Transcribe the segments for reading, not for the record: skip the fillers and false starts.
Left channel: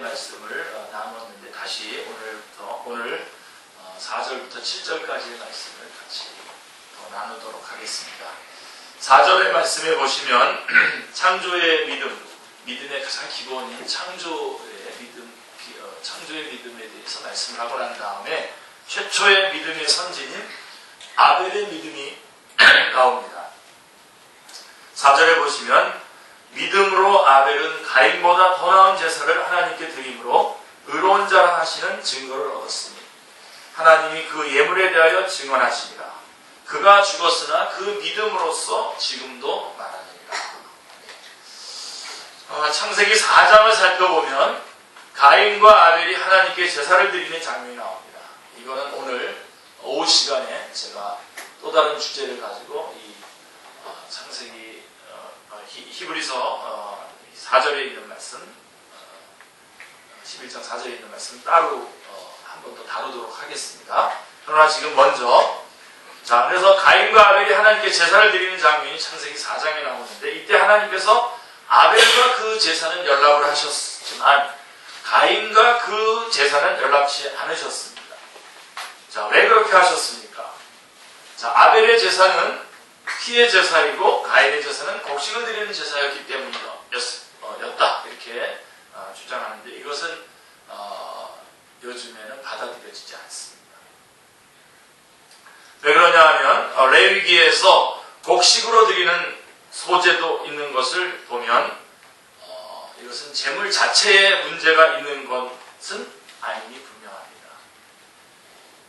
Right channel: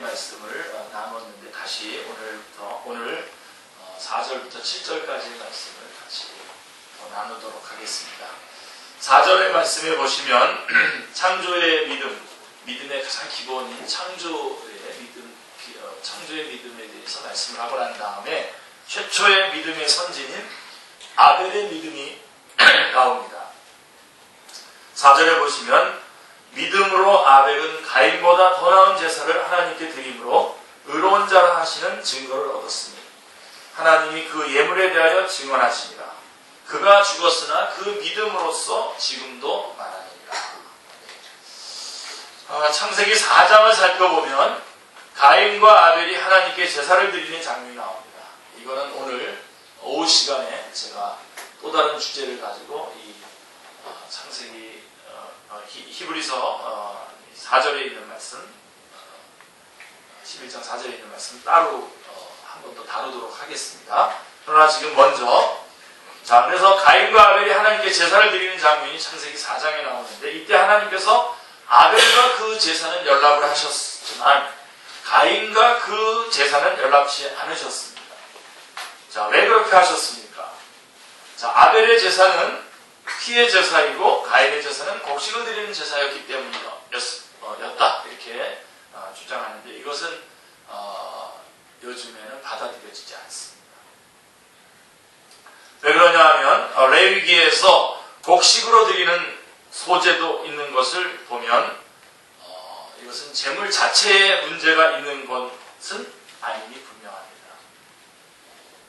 말씀을 나눴는데 다시 오늘 4절부터 7절까지의 말씀을 같이 더 나누도록 하겠습니다. 4절의 말씀에 보시면 창조의 믿음의 가장 기본인 창조의 믿음에 대해서 말씀을 하고 난 다음에 최초의 믿음의 선진인 아벨의 믿음이 나옵니다. 4절에 보시면 믿음으로 아벨은 가인보다 더 나은 제사를 하나님께 드림으로 의로운 자라 하시는 증거를 얻었으니 하나님이 그 예물에 대하여 증언하시니라. 그가 죽었으나 그 믿음으로써 지금도 말하느니라. 창세기 4장을 살펴보면 가인과 아벨이 하나님께 제사를 드리는 장면이 나옵니다. 이거는 오늘 오후 시간에 제가 또 다른 주제를 가지고 이 창세기 히브리서 4절에 있는 말씀, 11장 4절에 있는 말씀 따로 한 번 더 다루도록 하겠습니다. 그러나 지금 먼저 그래서 가인과 아벨이 하나님께 제사를 드리는 장면이 창세기 4장에 나오는데 이때 하나님께서 아벨과 그 제사는 연락을 하셨지만 가인과 그 제사는 연락치 않으셨습니다. 자, 왜 그렇게 하셨습니까? 자, 아벨의 제사는 피의 제사이고 가인의 제사는 곡식을 드리는 제사였기 때문이었다. 이렇게 주장하는데 이것은 요즘에는 받아들여지지 않습니다. 왜 그러냐 하면 레위기에서 곡식으로 드리는 소제도 있는 것을 보면 이것은 제물 자체에 문제가 있는 것은 아니니 분명합니다.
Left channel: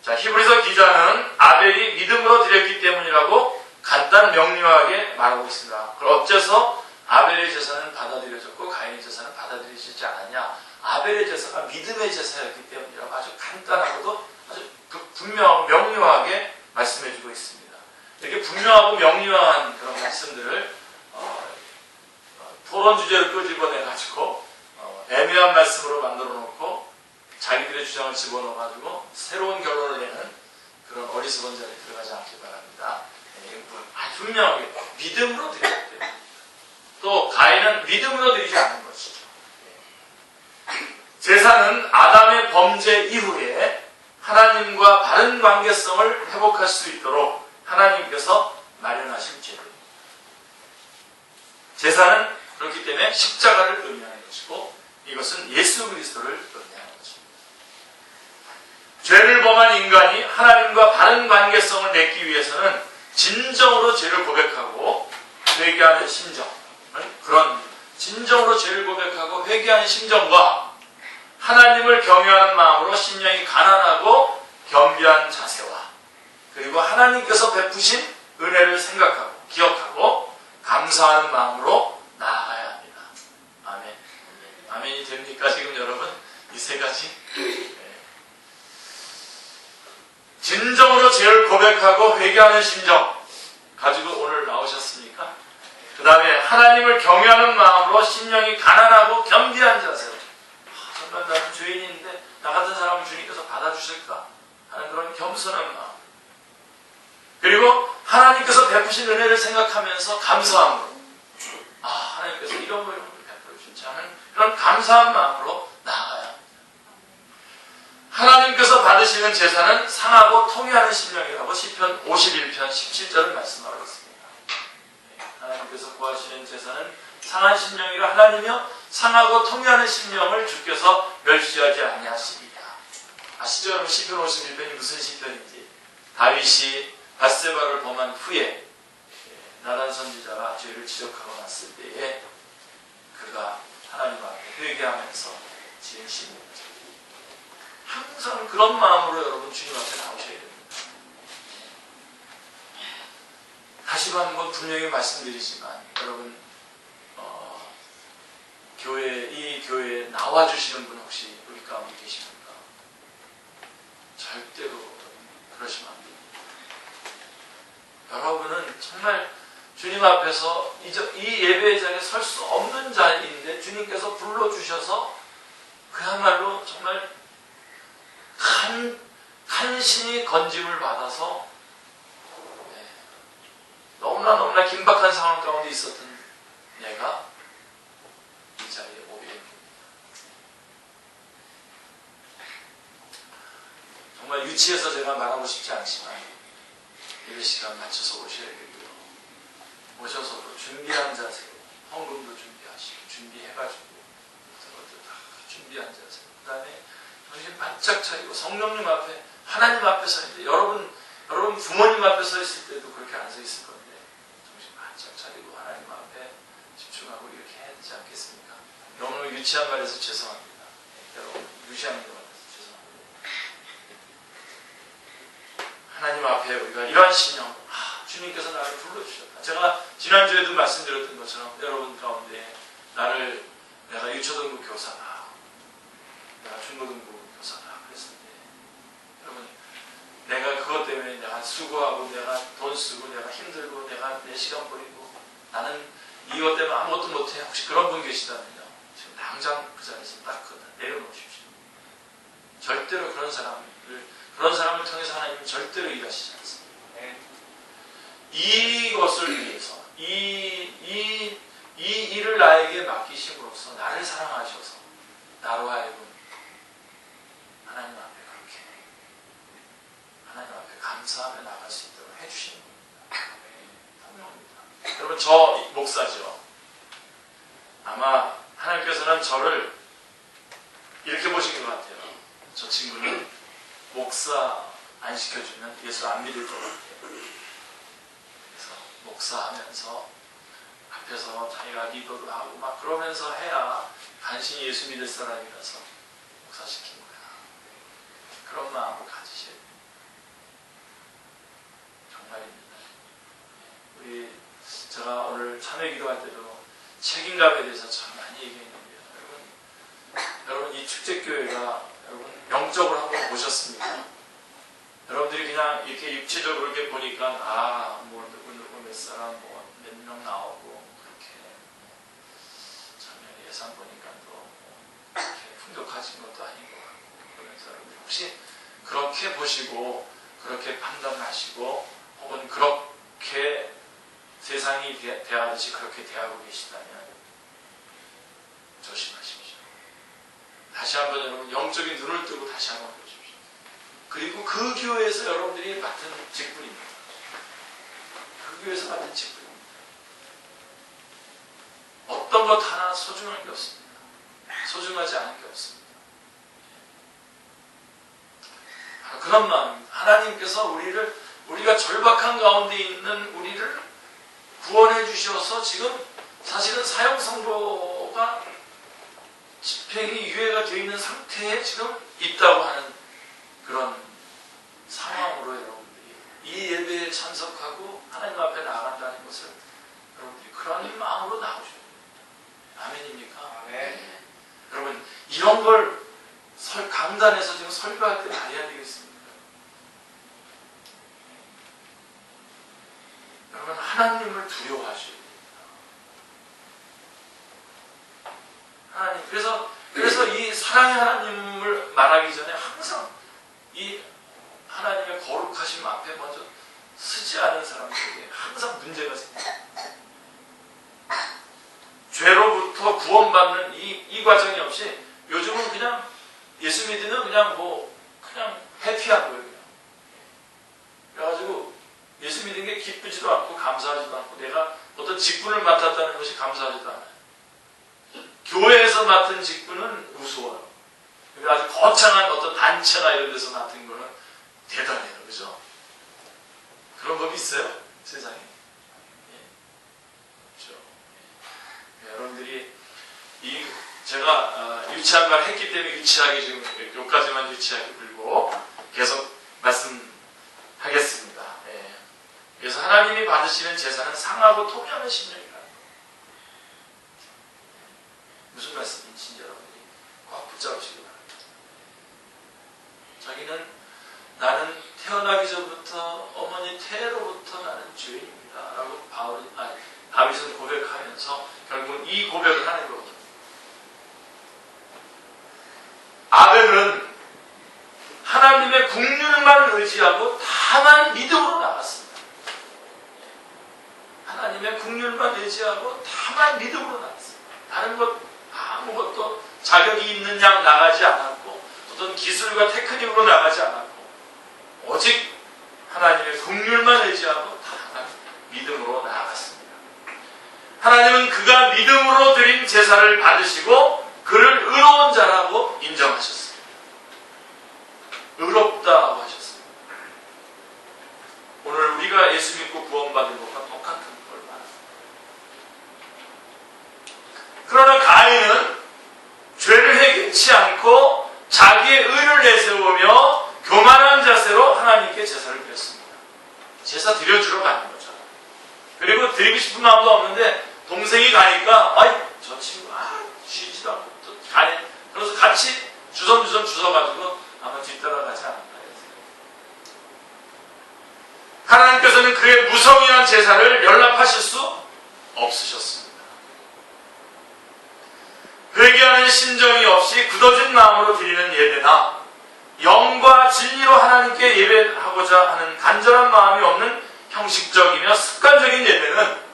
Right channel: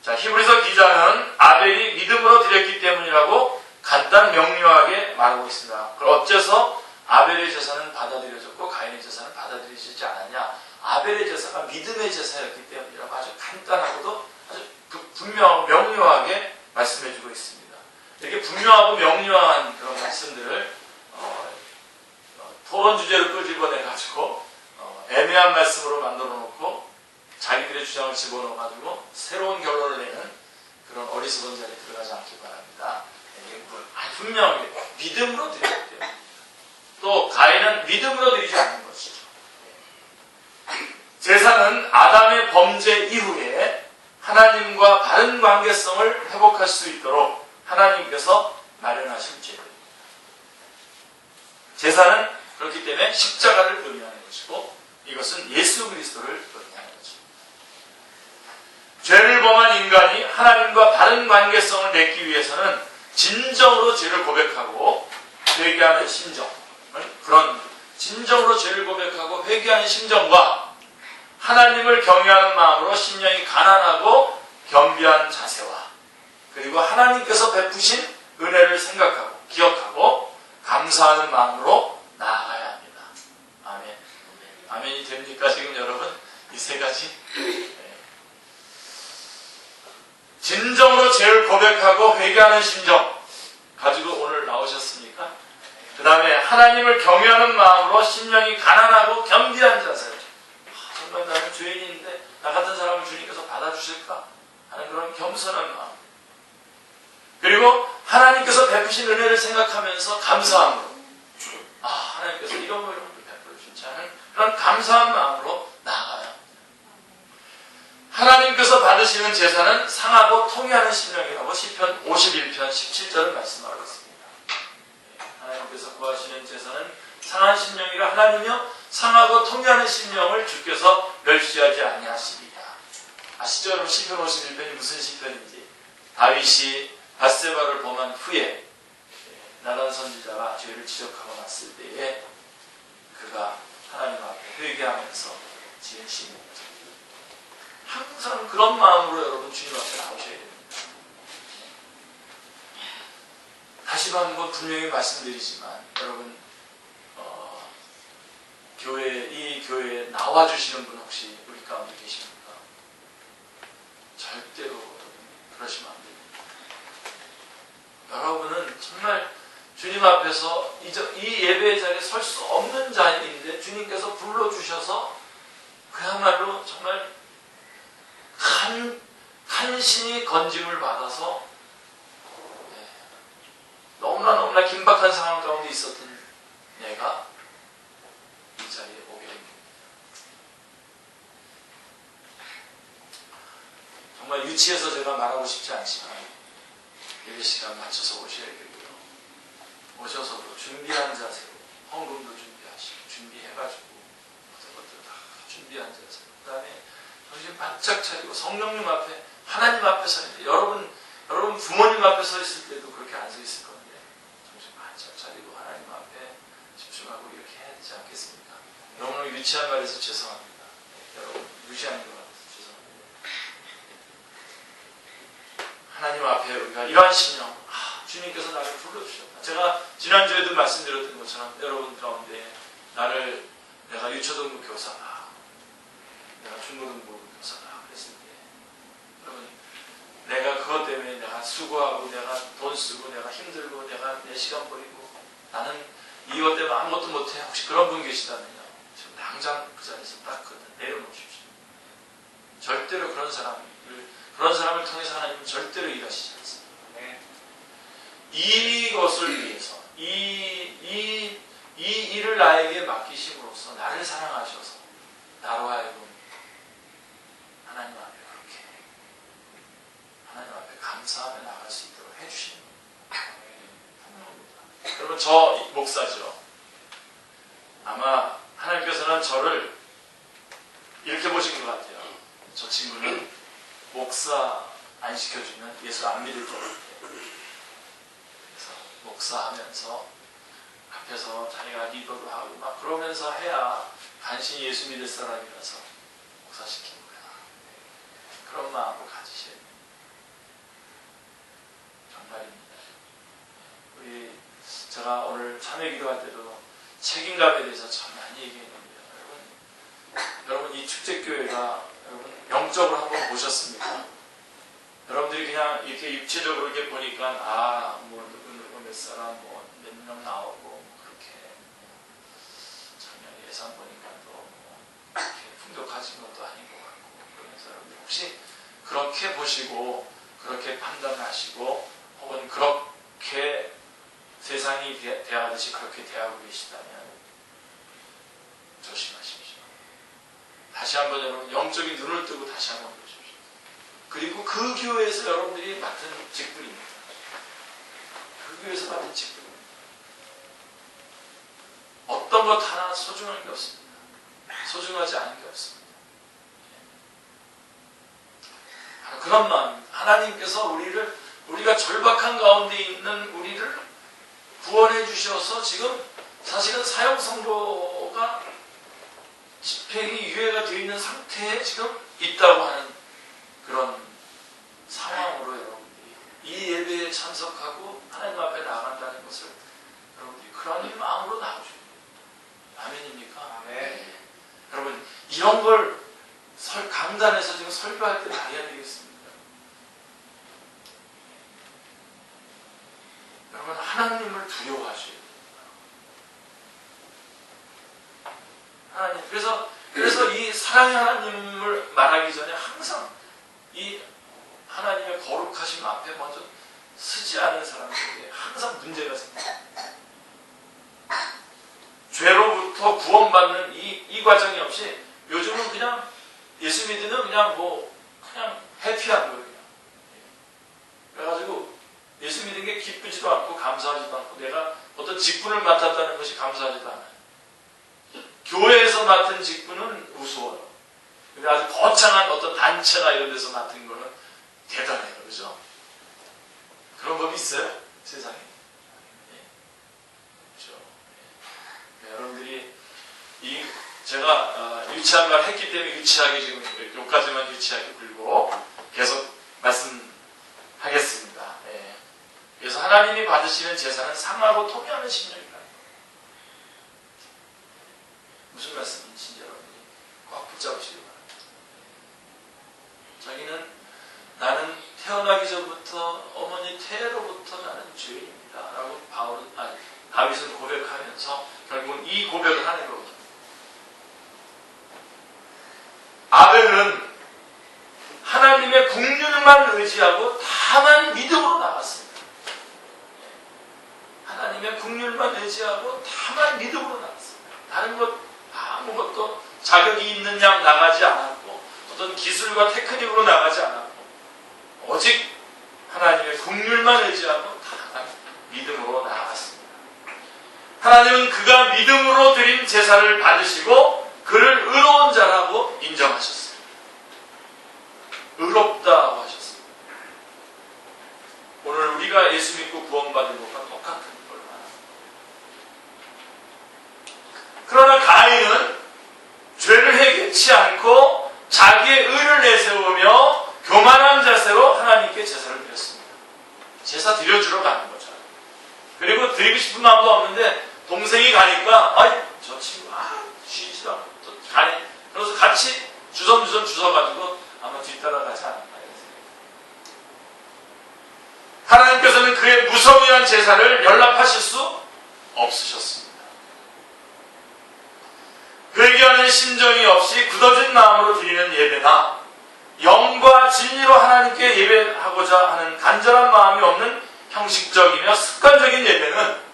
자, 히브리서 기자는 아벨이 믿음으로 드렸기 때문이라고 간단 명료하게 말하고 있습니다. 그럼 어째서 아벨의 제사는 받아들여졌고 가인의 제사는 받아들여지지 않았냐? 아벨의 제사가 믿음의 제사였기 때문이라고 아주 간단하고도 아주 분명하고 명료하게 말씀해주고 있습니다. 이렇게 분명하고 명료한 그런 말씀들을 토론 주제를 끄집어내가지고 애매한 말씀으로 만들어 놓고 자기들의 주장을 집어넣어가지고 새로운 결론을 내는 그런 어리석은 자리에 들어가지 않길 바랍니다. 분명하게 믿음으로 드렸기 때문에 또 가인은 믿음으로 드리지 않는 것이죠. 제사는 아담의 범죄 이후에 하나님과 바른 관계성을 회복할 수 있도록 하나님께서 마련하신 제도입니다. 제사는 그렇기 때문에 십자가를 의미하는 것이고 이것은 예수 그리스도를 의미하는 것입니다. 죄를 범한 인간이 하나님과 바른 관계성을 맺기 위해서는 진정으로 죄를 고백하고 회개하는 심정, 그런 진정으로 죄를 고백하고 회개하는 심정과 하나님을 경외하는 마음으로 심령이 가난하고 겸비한 자세와 그리고 하나님께서 베푸신 은혜를 생각하고 기억하고 감사하는 마음으로 나아가야 합니다. 아멘. 아멘이 됩니까 지금 여러분? 이 세 가지? 진정으로 죄를 고백하고 회개하는 심정 가지고 오늘 나오셨습니까? 그 다음에 하나님을 경외하는 마음으로 심령이 가난하고 겸비한 자세. 정말 나는 죄인인데 나 같은 사람을 주님께서 받아주실까 하는 그런 겸손한 마음. 그리고 하나님께서 베푸신 은혜를 생각하면서 감사함으로 하나님께서 이런 걸 베풀어주지 않은 그런 감사한 마음으로 나아가야 하나님께서 받으시는 제사는 상하고 통회하는 심령이라고 시편 51편 17절을 말씀하고 있습니다. 하나님께서 구하시는 제사는 상한 심령이라 하나님이여 상하고 통회하는 심령을 주께서 멸시하지 아니하시리라. 아시죠? 여러분 시편 51편이 무슨 시편인지. 다윗이 밧세바를 범한 후에 나단 선지자가 죄를 지적하고 났을 때에 그가 하나님 앞에 회개하면서 지은 시입니다. 항상 그런 마음으로 여러분 주님 앞에 나오셔야 됩니다. 다시 한번 분명히 말씀드리지만 여러분 이 교회에 나와주시는 분 혹시 우리 가운데 계십니까? 절대로 그러시면 안 됩니다. 여러분은 정말 주님 앞에서 이 예배의 자리에 설 수 없는 자리인데 주님께서 불러주셔서 그야말로 정말 간신히 건짐을 받아서 너무나 긴박한 상황 가운데 있었던 내가 이 자리에 오게 됩니다. 위치에서 제가 말하고 싶지 않지만 예배 시간 맞춰서 오셔야 되고요. 오셔서도 준비한 자세로 헌금도 준비하시고 준비해가지고 모든 것들 다 준비한 자세로 그 다음에 정신 바짝 차리고 성령님 앞에 하나님 앞에 서 있는데 여러분 부모님 앞에 서 있을 때도 그렇게 안 서 있을 건데 정신 바짝 차리고 하나님 앞에 집중하고 이렇게 해야 되지 않겠습니까? 너무 유치한 말에서 죄송합니다. 여러분 유치한 것 같아서 죄송합니다. 하나님 앞에 우리가 이러한 신령 주님께서 나를 불러주셨다. 제가 지난주에도 말씀드렸던 것처럼 여러분 가운데 내가 유초등부 교사다. 내가 중고등부 교사다. 그랬을 때 여러분 내가 그것 때문에 내가 수고하고 내가 돈 쓰고 내가 힘들고 내가 내 시간 버리고 나는 이것 때문에 아무것도 못해. 혹시 그런 분 계시다면요. 지금 당장 그 자리에서 딱 내려놓으십시오. 절대로 그런 사람을 통해서 하나님은 절대로 일하시지 않습니다. 이것을 위해서 이 일을 나에게 맡기심으로써 나를 사랑하셔서 나로 하여금 하나님 앞에 그렇게 하나님 앞에 감사하며 나갈 수 있도록 해주시는 겁니다. 분명합니다. 여러분 저 목사죠. 아마 하나님께서는 저를 이렇게 보신 것 같아요. 저 친구는 목사 안 시켜주면 예수 안 믿을 것 같아요. 그래서 목사하면서 앞에서 자기가 리더도 하고 막 그러면서 해야 간신히 예수 믿을 사람이라서 목사 시킨 거야. 그런 마음을 가지셔야 됩니다. 정말입니다. 제가 오늘 참회 기도할 때도 책임감에 대해서 참 많이 얘기했는데요. 여러분 이 축제교회가 여러분 영적으로 한번 보셨습니까? 여러분들이 그냥 이렇게 육체적으로 이렇게 보니까 뭐 누구 몇 사람 뭐 몇 명 나오고 그렇게 작년 예산 보니까 또 이렇게 풍족하신 것도 아닌 것 같고 그러면서 여러분 혹시 그렇게 보시고 그렇게 판단하시고 혹은 그렇게 세상이 대하듯이 그렇게 대하고 계시다면 조심하십시오. 다시 한번 여러분 영적인 눈을 뜨고 다시 한번 보십시오. 그리고 그 교회에서 여러분들이 맡은 직분입니다. 그 교회에서 맡은 직분입니다. 어떤 것 하나 소중한 게 없습니다. 소중하지 않은 게 없습니다. 그런 마음입니다. 하나님께서 우리가 절박한 가운데 있는 우리를 구원해 주셔서 지금 사실은 사형선고가 집행이 유예가 되어 있는 상태에 지금 있다고 하는 그런 상황으로 여러분들이 이 예배에 참석하고 하나님 앞에 나간다는 것을 여러분들이 그런 마음으로 나오셔야 됩니다. 아멘입니까? 네. 여러분 이런 걸 강단에서 지금 설교할 때 말해야 되겠습니까? 여러분 하나님을 두려워하셔야 됩니다. 하나님 그래서 이 사랑의 하나님을 말하기 전에 항상 이 하나님의 거룩하심 앞에 먼저 서지 않은 사람들에게 항상 문제가 생깁니다. 죄로부터 구원받는 이 과정이 없이 요즘은 그냥 예수 믿으면 그냥 해피한 거예요. 그냥. 그래가지고 예수 믿은 게 기쁘지도 않고 감사하지도 않고 내가 어떤 직분을 맡았다는 것이 감사하지도 않아요. 교회에서 맡은 직분은 우스워요. 아주 거창한 어떤 단체나 이런 데서 맡은 거는 대단해요. 그죠? 그런 법이 있어요? 세상에? 그렇죠. 여러분들이 제가 유치한 말 했기 때문에 유치하게 지금 여기까지만 유치하게 불고 계속 말씀하겠습니다. 그래서 하나님이 받으시는 제사는 상하고 통회하는 심령이다. 무슨 말씀인지 여러분들이 꼭 붙잡으시기 바랍니다. 자기는 나는 태어나기 전부터 어머니 태로부터 나는 죄인입니다. 라고 다윗은 고백하면서 결국은 이 고백을 하는 거거든요. 아벨은 하나님의 긍휼만 의지하고 다만 믿음으로 나갔습니다. 하나님의 긍휼만 의지하고 다만 믿음으로 나갔습니다. 다른 것 아무것도 자격이 있는 양 나가지 않았고 어떤 기술과 테크닉으로 나가지 않았고 오직 하나님의 긍휼만 의지하고 다 믿음으로 나아갔습니다. 하나님은 그가 믿음으로 드린 제사를 받으시고 그를 의로운 자라고 인정하셨습니다. 의롭다고 하셨습니다. 오늘 우리가 예수 믿고 구원받은 것과 똑같은 걸 말합니다. 그러나 가인은 죄를 해결치 않고 자기의 의를 내세우며 교만한 자세로 하나님께 제사를 드렸습니다. 제사 드려주러 가는 거죠. 그리고 드리고 싶은 마음도 없는데 동생이 가니까 저 친구 쉬지도 않고 또 가네. 그래서 같이 주섬주섬 주워가지고 아마 뒤따라가지 않을까. 하나님께서는 그의 무서위한 제사를 연락하실 수 없으셨습니다. 회개하는 심정이 없이 굳어진 마음으로 드리는 예배나 영과 진리로 하나님께 예배하고자 하는 간절한 마음이 없는 형식적이며 습관적인 예배는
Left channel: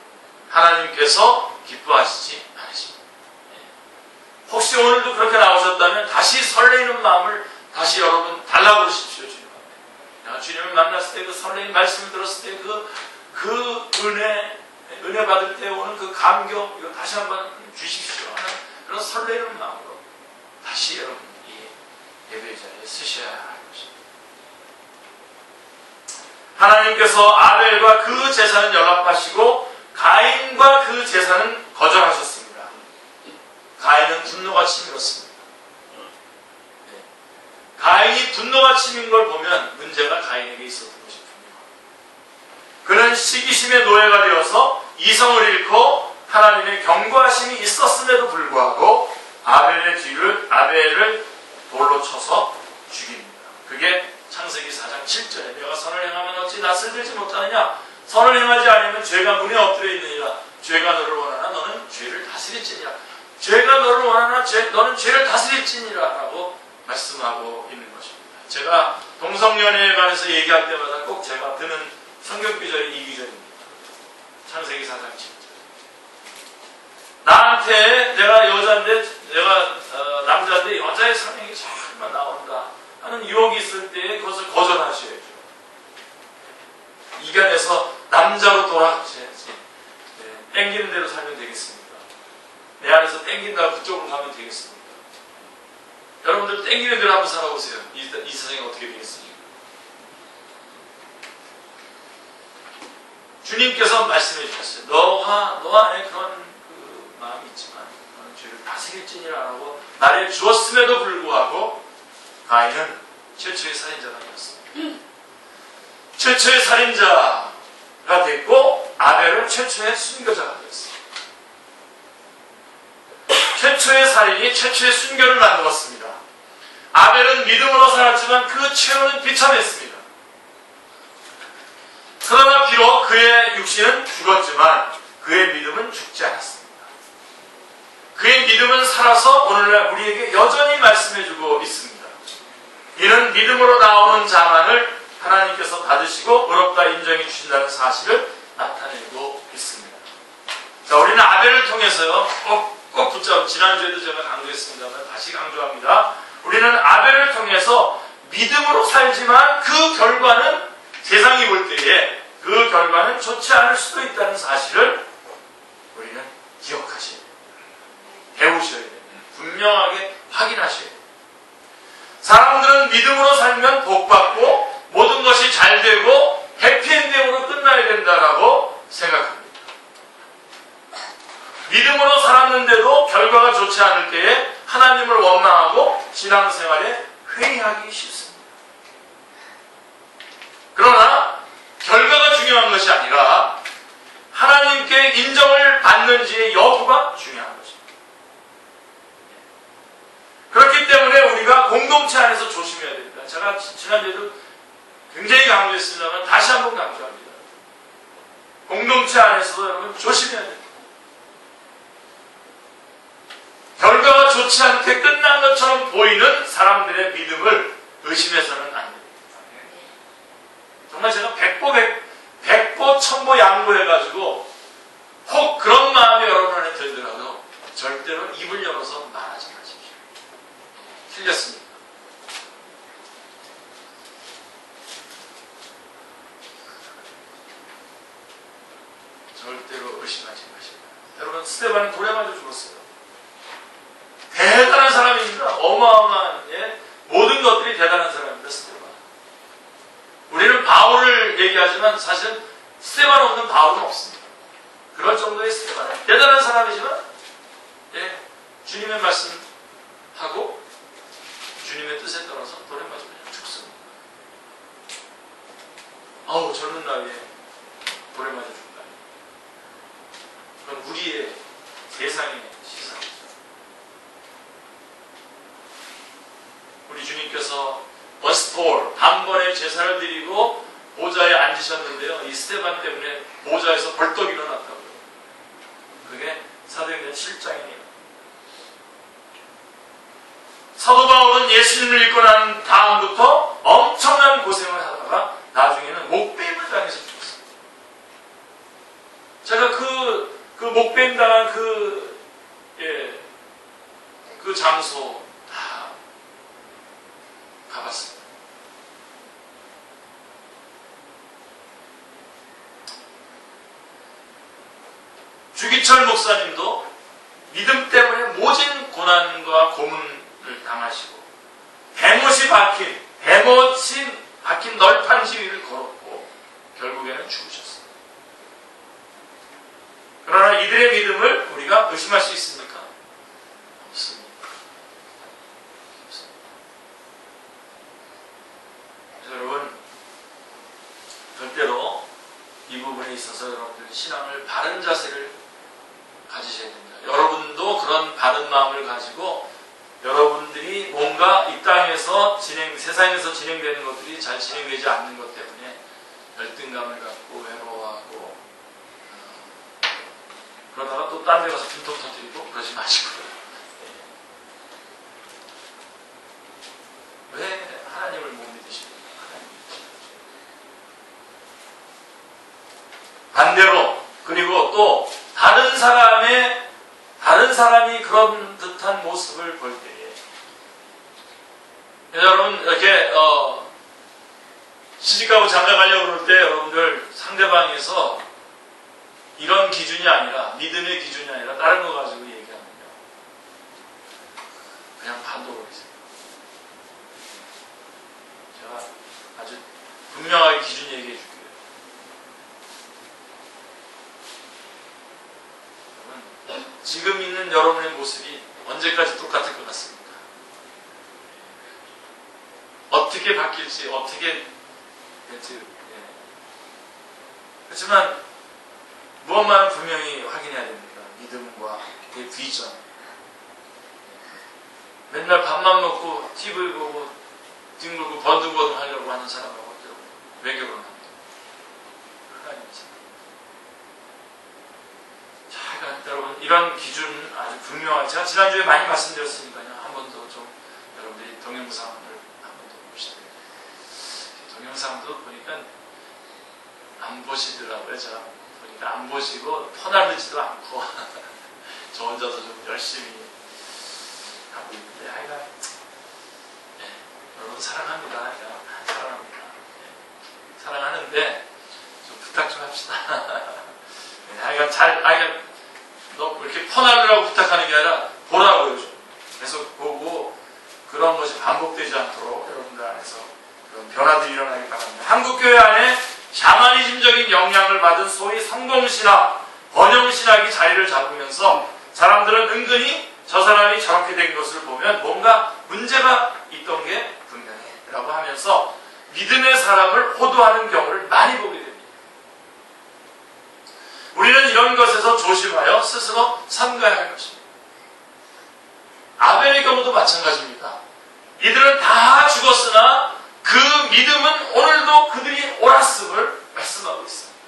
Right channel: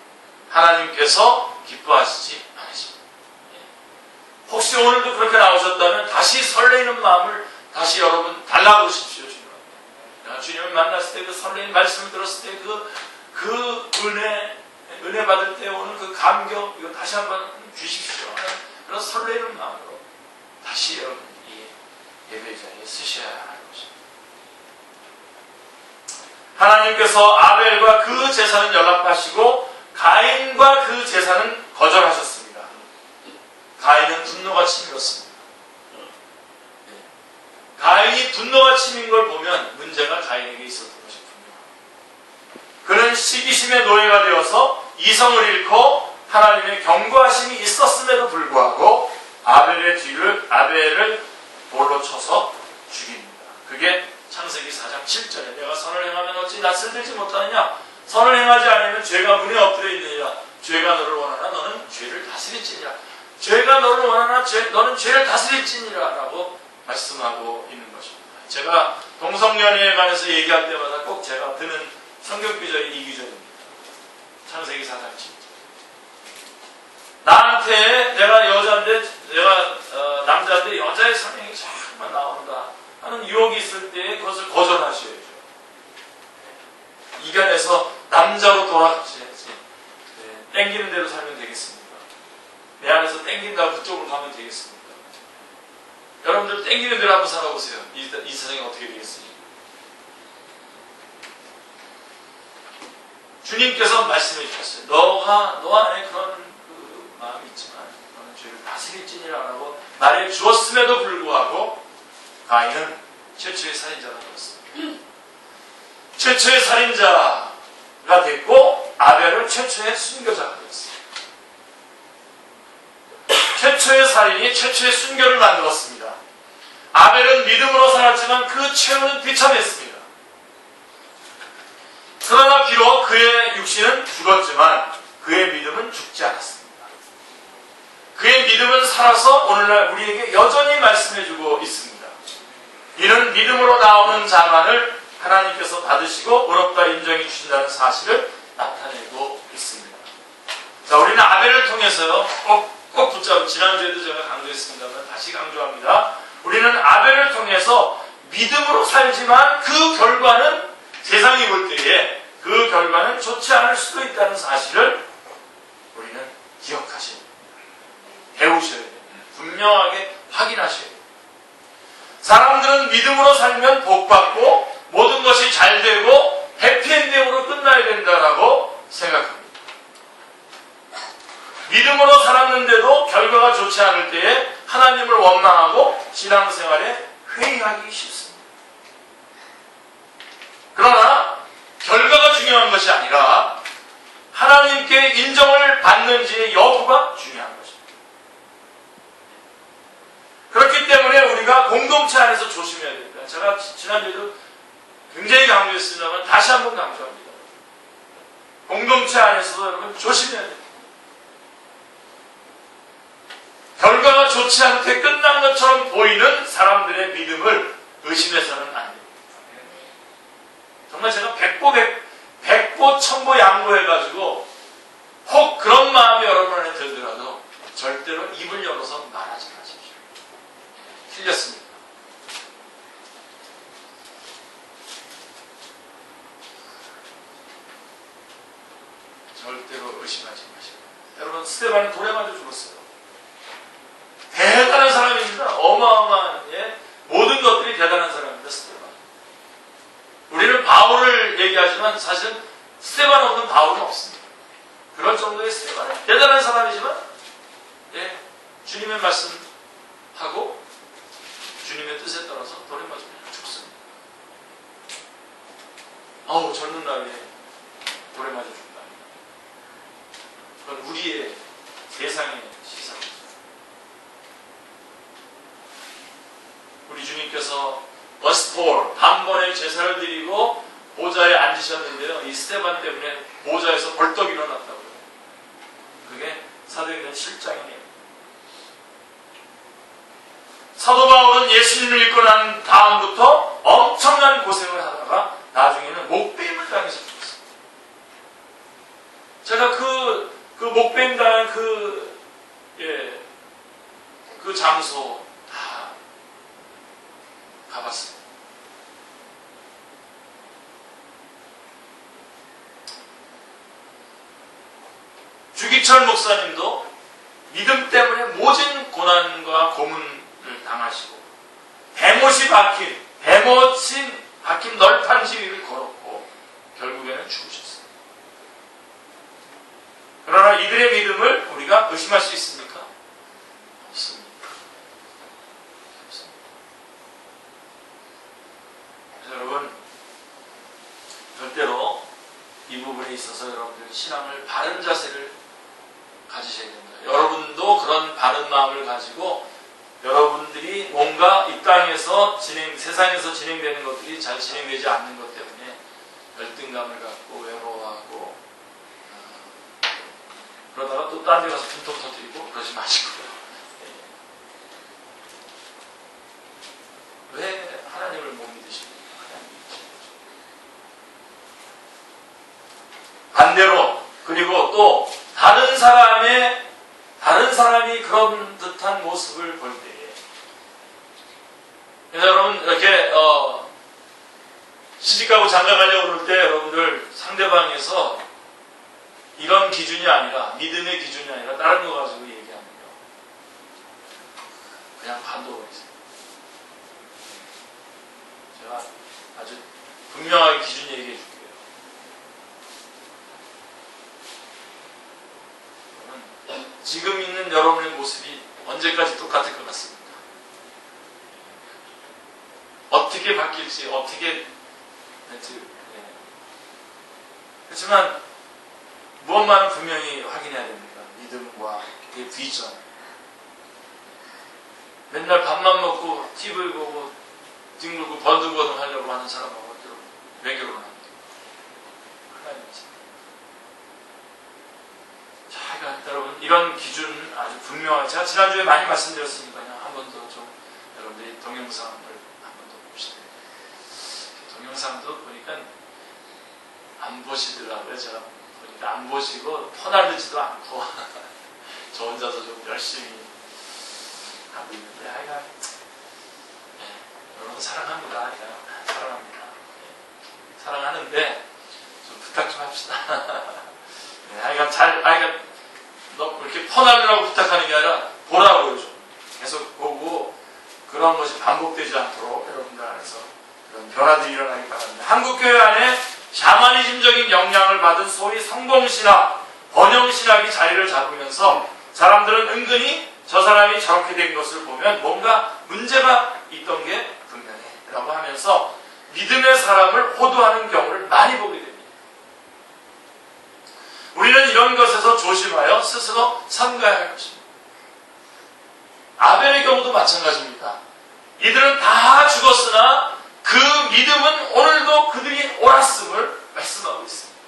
하나님께서 기뻐하시지 않으십니다. 혹시 오늘도 그렇게 나오셨다면 다시 설레이는 마음을 다시 여러분 달라고 그러십시오. 내가 주님을 만났을 때 그 설레이는 말씀을 들었을 때 그 은혜 받을 때 오는 그 감격 이거 다시 한번 주십시오 하는 그런 설레이는 마음으로 다시 여러분 이 예배 자리에 쓰셔야 하는 것입니다. 하나님께서 아벨과 그 제사는 연락하시고 가인과 그 제사는 거절하셨습니다. 가인은 분노가 치밀었습니다. 가인이 분노가 치민 걸 보면 문제가 가인에게 있었던 것이 분명합니다. 그는 시기심의 노예가 되어서 이성을 잃고 하나님의 경고하심이 있었음에도 불구하고 아벨을 돌로 쳐서 죽입니다. 그게 창세기 4장 7절에 내가 선을 행하면 어찌 낯을 들지 못하느냐 선을 행하지 않으면 죄가 문에 엎드려 있느니라 죄가 너를 원하나 너는 죄를 다스릴지니라 죄가 너를 원하나 너는 죄를 다스릴지니라 라고 말씀하고 있는 것입니다. 제가 동성연애에 관해서 얘기할 때마다 꼭 제가 드는 성경 구절이 이 구절입니다. 창세기 4장 7절 나한테 내가 여자인데 내가 남자인데 여자의 성향이 자꾸만 나온다 하는 유혹이 있을 때 그것을 거절하셔야죠. 이간해서 남자로 돌아가셔야지. 땡기는 대로 살면 되겠습니까? 내 안에서 땡긴다고 그쪽으로 가면 되겠습니까? 여러분들 땡기는 대로 한번 살아보세요. 이 세상이 어떻게 되겠습니까? 주님께서 말씀해 주셨어요. 너 안에 그런 마음이 있지만 너는 죄를 다스릴지니라 라고 말해 주었음에도 불구하고 가인은 최초의 살인자가 되었습니다. 최초의 살인자가 됐고 아벨은 최초의 순교자가 되었습니다. 최초의 살인이 최초의 순교를 만들었습니다. 아벨은 믿음으로 살았지만 그 최후는 비참했습니다. 그러나 비록 그의 육신은 죽었지만 그의 믿음은 죽지 않았습니다. 그의 믿음은 살아서 오늘날 우리에게 여전히 말씀해주고 있습니다. 이는 믿음으로 나오는 자만을 하나님께서 받으시고 의롭다 인정해 주신다는 사실을 나타내고 있습니다. 자, 우리는 아벨을 통해서요, 꼭 붙잡고, 지난주에도 제가 강조했습니다만 다시 강조합니다. 우리는 아벨을 통해서 믿음으로 살지만 그 결과는 세상이 볼 때에 그 결과는 좋지 않을 수도 있다는 사실을 우리는 기억하셔야 됩니다. 배우셔야 됩니다. 분명하게 확인하셔야 됩니다. 사람들은 믿음으로 살면 복받고 모든 것이 잘 되고 해피엔딩으로 끝나야 된다라고 생각합니다. 믿음으로 살았는데도 결과가 좋지 않을 때에 하나님을 원망하고 신앙생활에 회의하기 쉽습니다. 그러나 결과가 중요한 것이 아니라 하나님께 인정을 받는지의 여부가 중요한 것입니다. 그렇기 때문에 우리가 공동체 안에서 조심해야 됩니다. 제가 지난주에도 굉장히 강조했습니다만 다시 한번 강조합니다. 공동체 안에서도 여러분 조심해야 됩니다. 결과가 좋지 않게 끝난 것처럼 보이는 사람들의 믿음을 의심해서는 안 됩니다. 정말 제가 백보 천보 양보해가지고 혹 그런 마음이 여러분 안에 들더라도 절대로 입을 열어서 말하지 마십시오. 틀렸습니다. 의심하지 마시고. 여러분, 스데반은 돌에 맞아 죽었어요. 대단한 사람입니다. 어마어마한, 모든 것들이 대단한 사람입니다. 스데반. 우리는 바울을 얘기하지만 사실은 스데반 없는 바울은 없습니다. 그럴 정도의 스데반은 대단한 사람이지만 주님의 말씀하고 주님의 뜻에 따라서 돌에 맞으면 죽습니다. 젊은 나이에 돌에 맞아 죽는다. 그건 우리의 세상의 시사죠. 우리 주님께서 버스톨 단번에 제사를 드리고 보좌에 앉으셨는데요. 이 스데반 때문에 보좌에서 벌떡 일어났다고요. 그게 사도행전 7장이에요. 사도 바울은 예수님을 믿고 난 다음부터 엄청난 고생을 하다가 나중에는 목배임을 당해서 죽었습니다. 제가 그 목배임 당한 그 장소 다 가봤습니다. 주기철 목사님도 믿음 때문에 모진 고난과 고문을 당하시고 대못이 박힌 널판 지위를 걸었고 결국에는 죽으셨어요. 그러나 이들의 믿음을 우리가 의심할 수 있습니까? 없습니다. 여러분, 절대로 이 부분에 있어서 여러분들 신앙을 바른 자세를 가지셔야 됩니다. 여러분도 그런 바른 마음을 가지고 여러분들이 뭔가 이 땅에서 세상에서 진행되는 것들이 잘 진행되지 않는 것 때문에 열등감을 갖고 외로워하고 그러다가 또 딴 데 가서 분통 터뜨리고 그러지 마시고요. 왜 하나님을 못 믿으십니까? 반대로 그리고 또 다른 사람이 그런 듯한 모습을 볼 때에 여러분 이렇게 시집가고 장가가려고 그럴 때 여러분들 상대방에서 이런 기준이 아니라 믿음의 기준이 아니라 다른 거 가지고 얘기하면요 그냥 반도로 있어요. 제가 아주 분명하게 기준 얘기해 줄게요. 지금 있는 여러분의 모습이 언제까지 똑같을 것 같습니까? 어떻게 바뀔지, 어떻게 될지. 그렇지만 무엇만은 분명히 확인해야 됩니다. 믿음과 비전. 맨날 밥만 먹고 TV 보고 뒹굴고 버둥버둥 하려고 하는 사람하고 왜 결혼합니까? 여러분 이런 기준 아주 분명하게 제가 지난주에 많이 말씀드렸으니까요. 한 번 더 좀 여러분들이 동영상을 한 번 더 봅시다. 동영상도 보니까 안 보시더라고요. 제가 보니까 안 보시고 퍼나르지도 않고 저 혼자서 좀 열심히 하고 있는데 하여간 여러분 사랑합니다. 사랑합니다. 사랑하는데 좀 부탁 좀 합시다. 하여간 너 그렇게 퍼나르라고 부탁하는 게 아니라 보라고요. 좀. 계속 보고 그런 것이 반복되지 않도록 여러분들 안에서 그런 변화들이 일어나기 바랍니다. 한국교회 안에 샤머니즘적인 영향을 받은 소위 성공신학, 번영신학이 자리를 잡으면서 사람들은 은근히 저 사람이 저렇게 된 것을 보면 뭔가 문제가 있던 게 분명해 라고 하면서 믿음의 사람을 호도하는 경우를 많이 보게 됩니다. 우리는 이런 것에서 조심하여 스스로 삼가야 할 것입니다. 아벨의 경우도 마찬가지입니다. 이들은 다 죽었으나 그 믿음은 오늘도 그들이 옳았음을 말씀하고 있습니다.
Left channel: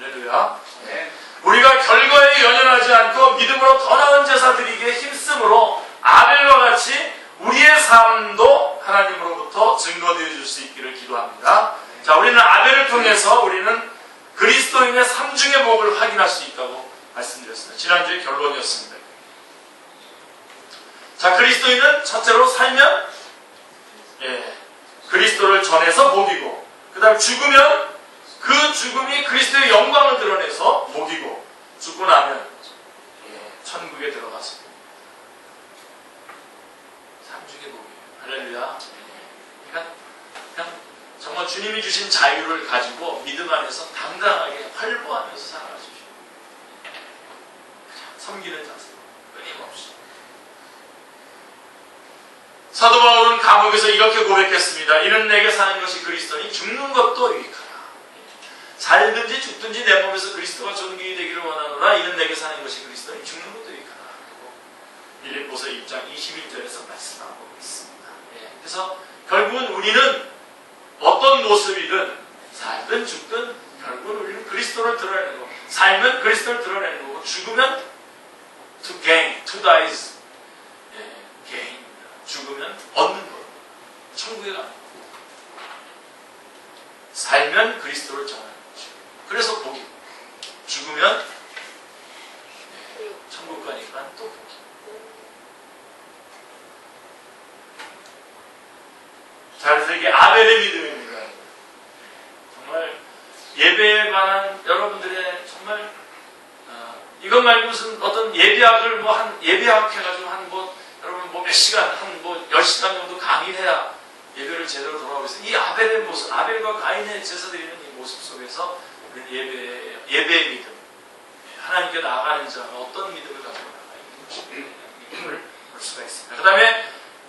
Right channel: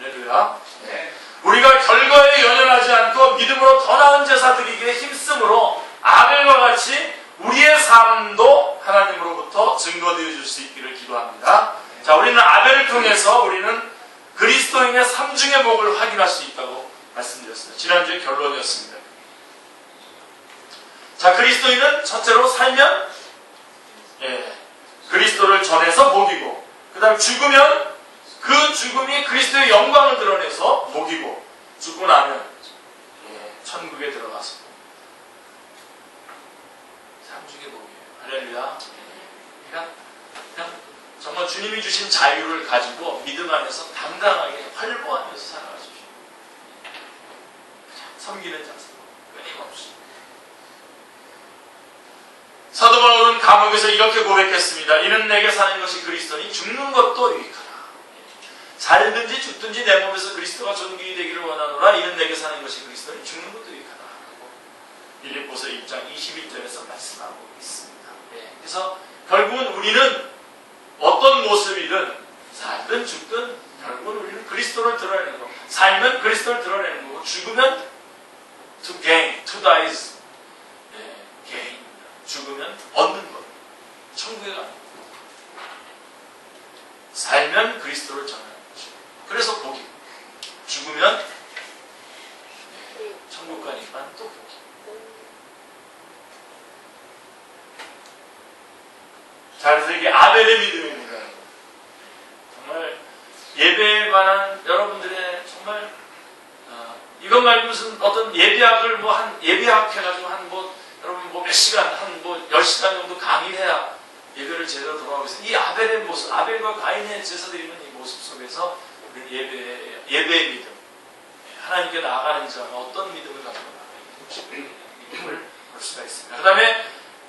할렐루야. 네. 우리가 결과에 연연하지 않고 믿음으로 더 나은 제사 드리기에 힘쓰므로 아벨과 같이 우리의 삶도 하나님으로부터 증거되어 줄 수 있기를 기도합니다. 자, 우리는 아벨을 통해서 우리는 그리스도인의 삼중의 복을 확인할 수 있다고 말씀드렸습니다. 지난주에 결론이었습니다. 자, 그리스도인은 첫째로 살면 그리스도를 전해서 복이고 그 다음 죽으면 그 죽음이 그리스도의 영광을 드러내서 복이고 죽고 나면 천국에 들어가서 상중의 복이에요. 할렐루야. 그냥 정말 주님이 주신 자유를 가지고 믿음 안에서 당당하게 활보하면서 살아가십시오. 섬기는 자세 끊임없이. 사도 바울은 감옥에서 이렇게 고백했습니다. 이는 내게 사는 것이 그리스도니 죽는 것도 유익하다. 살든지 죽든지 내 몸에서 그리스도가 존귀히 되기를 원하노라. 이는 내게 사는 것이 그리스도니 죽는 것도 유익하다. 빌립보서 1장 21절에서 말씀하고 있습니다. 그래서 결국은 우리는 어떤 모습이든 살든 죽든 결국은 우리는 그리스도를 드러내는 거. 살면 그리스도를 드러내는 거고 죽으면 to gain, to die is gain. 죽으면 얻는 거. 천국에 가는 거. 살면 그리스도를 전하는 거죠. 그래서 복이. 죽으면 천국 가니까 또 복이. 자, 그래서 이게 아벨의 믿음입니다. 정말 예배에 관한 여러분들의 정말 이것 말고 무슨 어떤 예배학을 예배학 해가지고 여러분 몇 시간, 10시간 정도 강의해야 예배를 제대로 돌아오겠어요. 이 아벨의 모습, 아벨과 가인의 제사 드리는 이 모습 속에서 예배의 믿음, 하나님께 나아가는 자가 어떤 믿음을 가지고 나아가는지 믿음을 볼 수가 있습니다.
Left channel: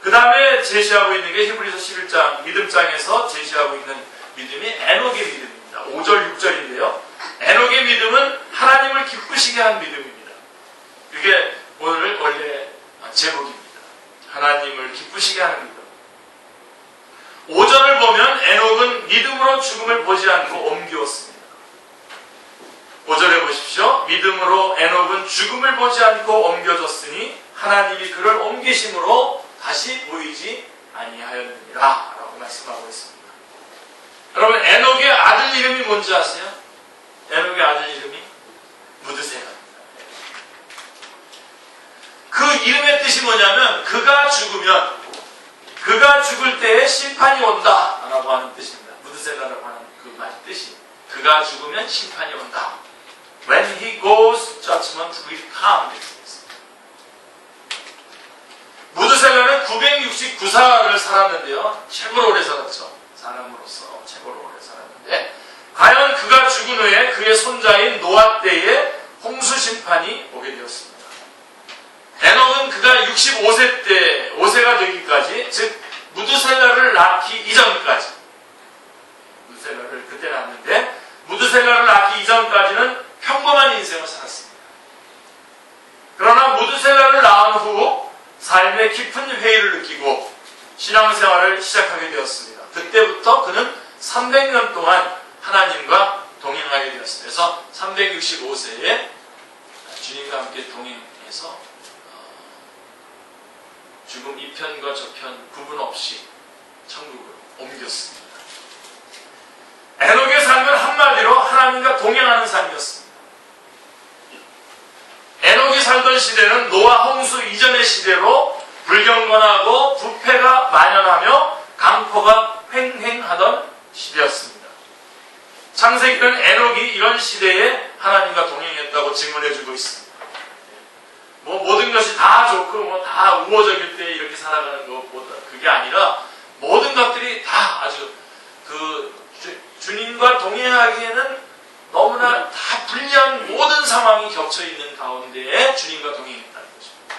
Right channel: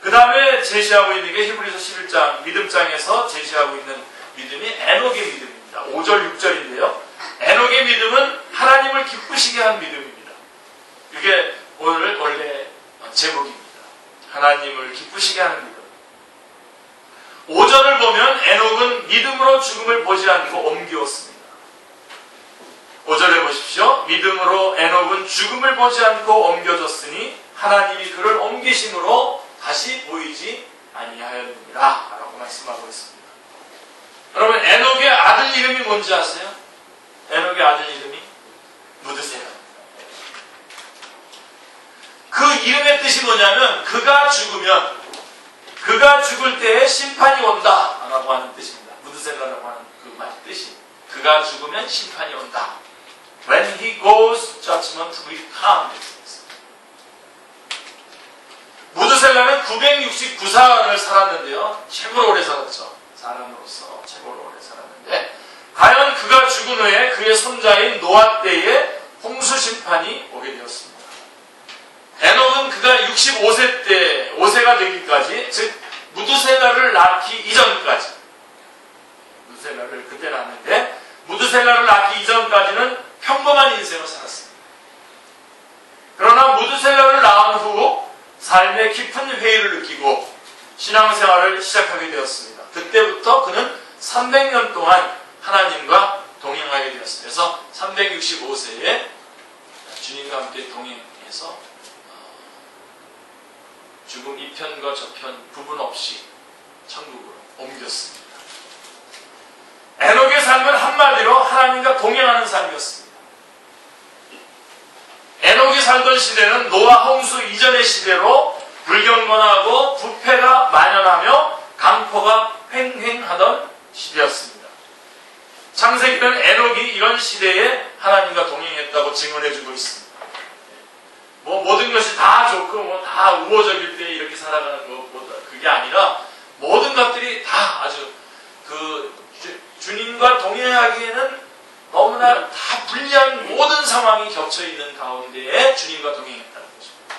그 다음에 제시하고 있는 게 히브리서 11장 믿음장에서 제시하고 있는 믿음이 에녹의 믿음입니다. 5절, 6절인데요. 에녹의 믿음은 하나님을 기쁘시게 한 믿음입니다. 이게 오늘 원래 제목입니다. 하나님을 기쁘시게 하는 믿음. 5절을 보면 에녹은 믿음으로 죽음을 보지 않고 옮기었습니다. 5절에 보십시오. 믿음으로 에녹은 죽음을 보지 않고 옮겨졌으니 하나님이 그를 옮기심으로 다시 보이지 아니하였느니라 라고 말씀하고 있습니다. 여러분 에녹의 아들 이름이 뭔지 아세요? 에녹의 아들 이름이 무드셀라. 그 이름의 뜻이 뭐냐면 그가 죽을 때에 심판이 온다 라고 하는 뜻입니다. 무드셀라라고 하는 그 말 뜻이 그가 죽으면 심판이 온다. When he goes, judgment will come. 무드셀라는 969살을 살았는데요. 최고로 오래 살았죠. 사람으로서 최고로 오래 살았는데 과연 그가 죽은 후에 그의 손자인 노아 때에 홍수 심판이 오게 되었습니다. 에녹은 그가 65세 때 5세가 되기까지, 즉 무드셀라를 낳기 이전까지, 무드셀라를 그때 낳았는데 무드셀라를 낳기 이전까지는 평범한 인생을 살았습니다. 그러나 무드셀라를 낳은 후 삶의 깊은 회의를 느끼고 신앙생활을 시작하게 되었습니다. 그때부터 그는 300년 동안 하나님과 동행하게 되었습니다. 그래서 365세에 주님과 함께 동행해서 죽음 이편과 저편 구분 없이 천국으로 옮겼습니다. 에녹의 삶은 한마디로 하나님과 동행하는 삶이었습니다. 에녹이 살던 시대는 노아 홍수 이전의 시대로 불경건하고 부패가 만연하며 강포가 횡행하던 시대였습니다. 창세기는 에녹이 이런 시대에 하나님과 동행했다고 증언해주고 있습니다. 모든 것이 다 좋고 다 우호적일 때 이렇게 살아가는 것보다 그게 아니라 모든 것들이 다 아주 주님과 동행하기에는 너무나 다 불리한 모든 상황이 겹쳐 있는 가운데에 주님과 동행했다는 것입니다.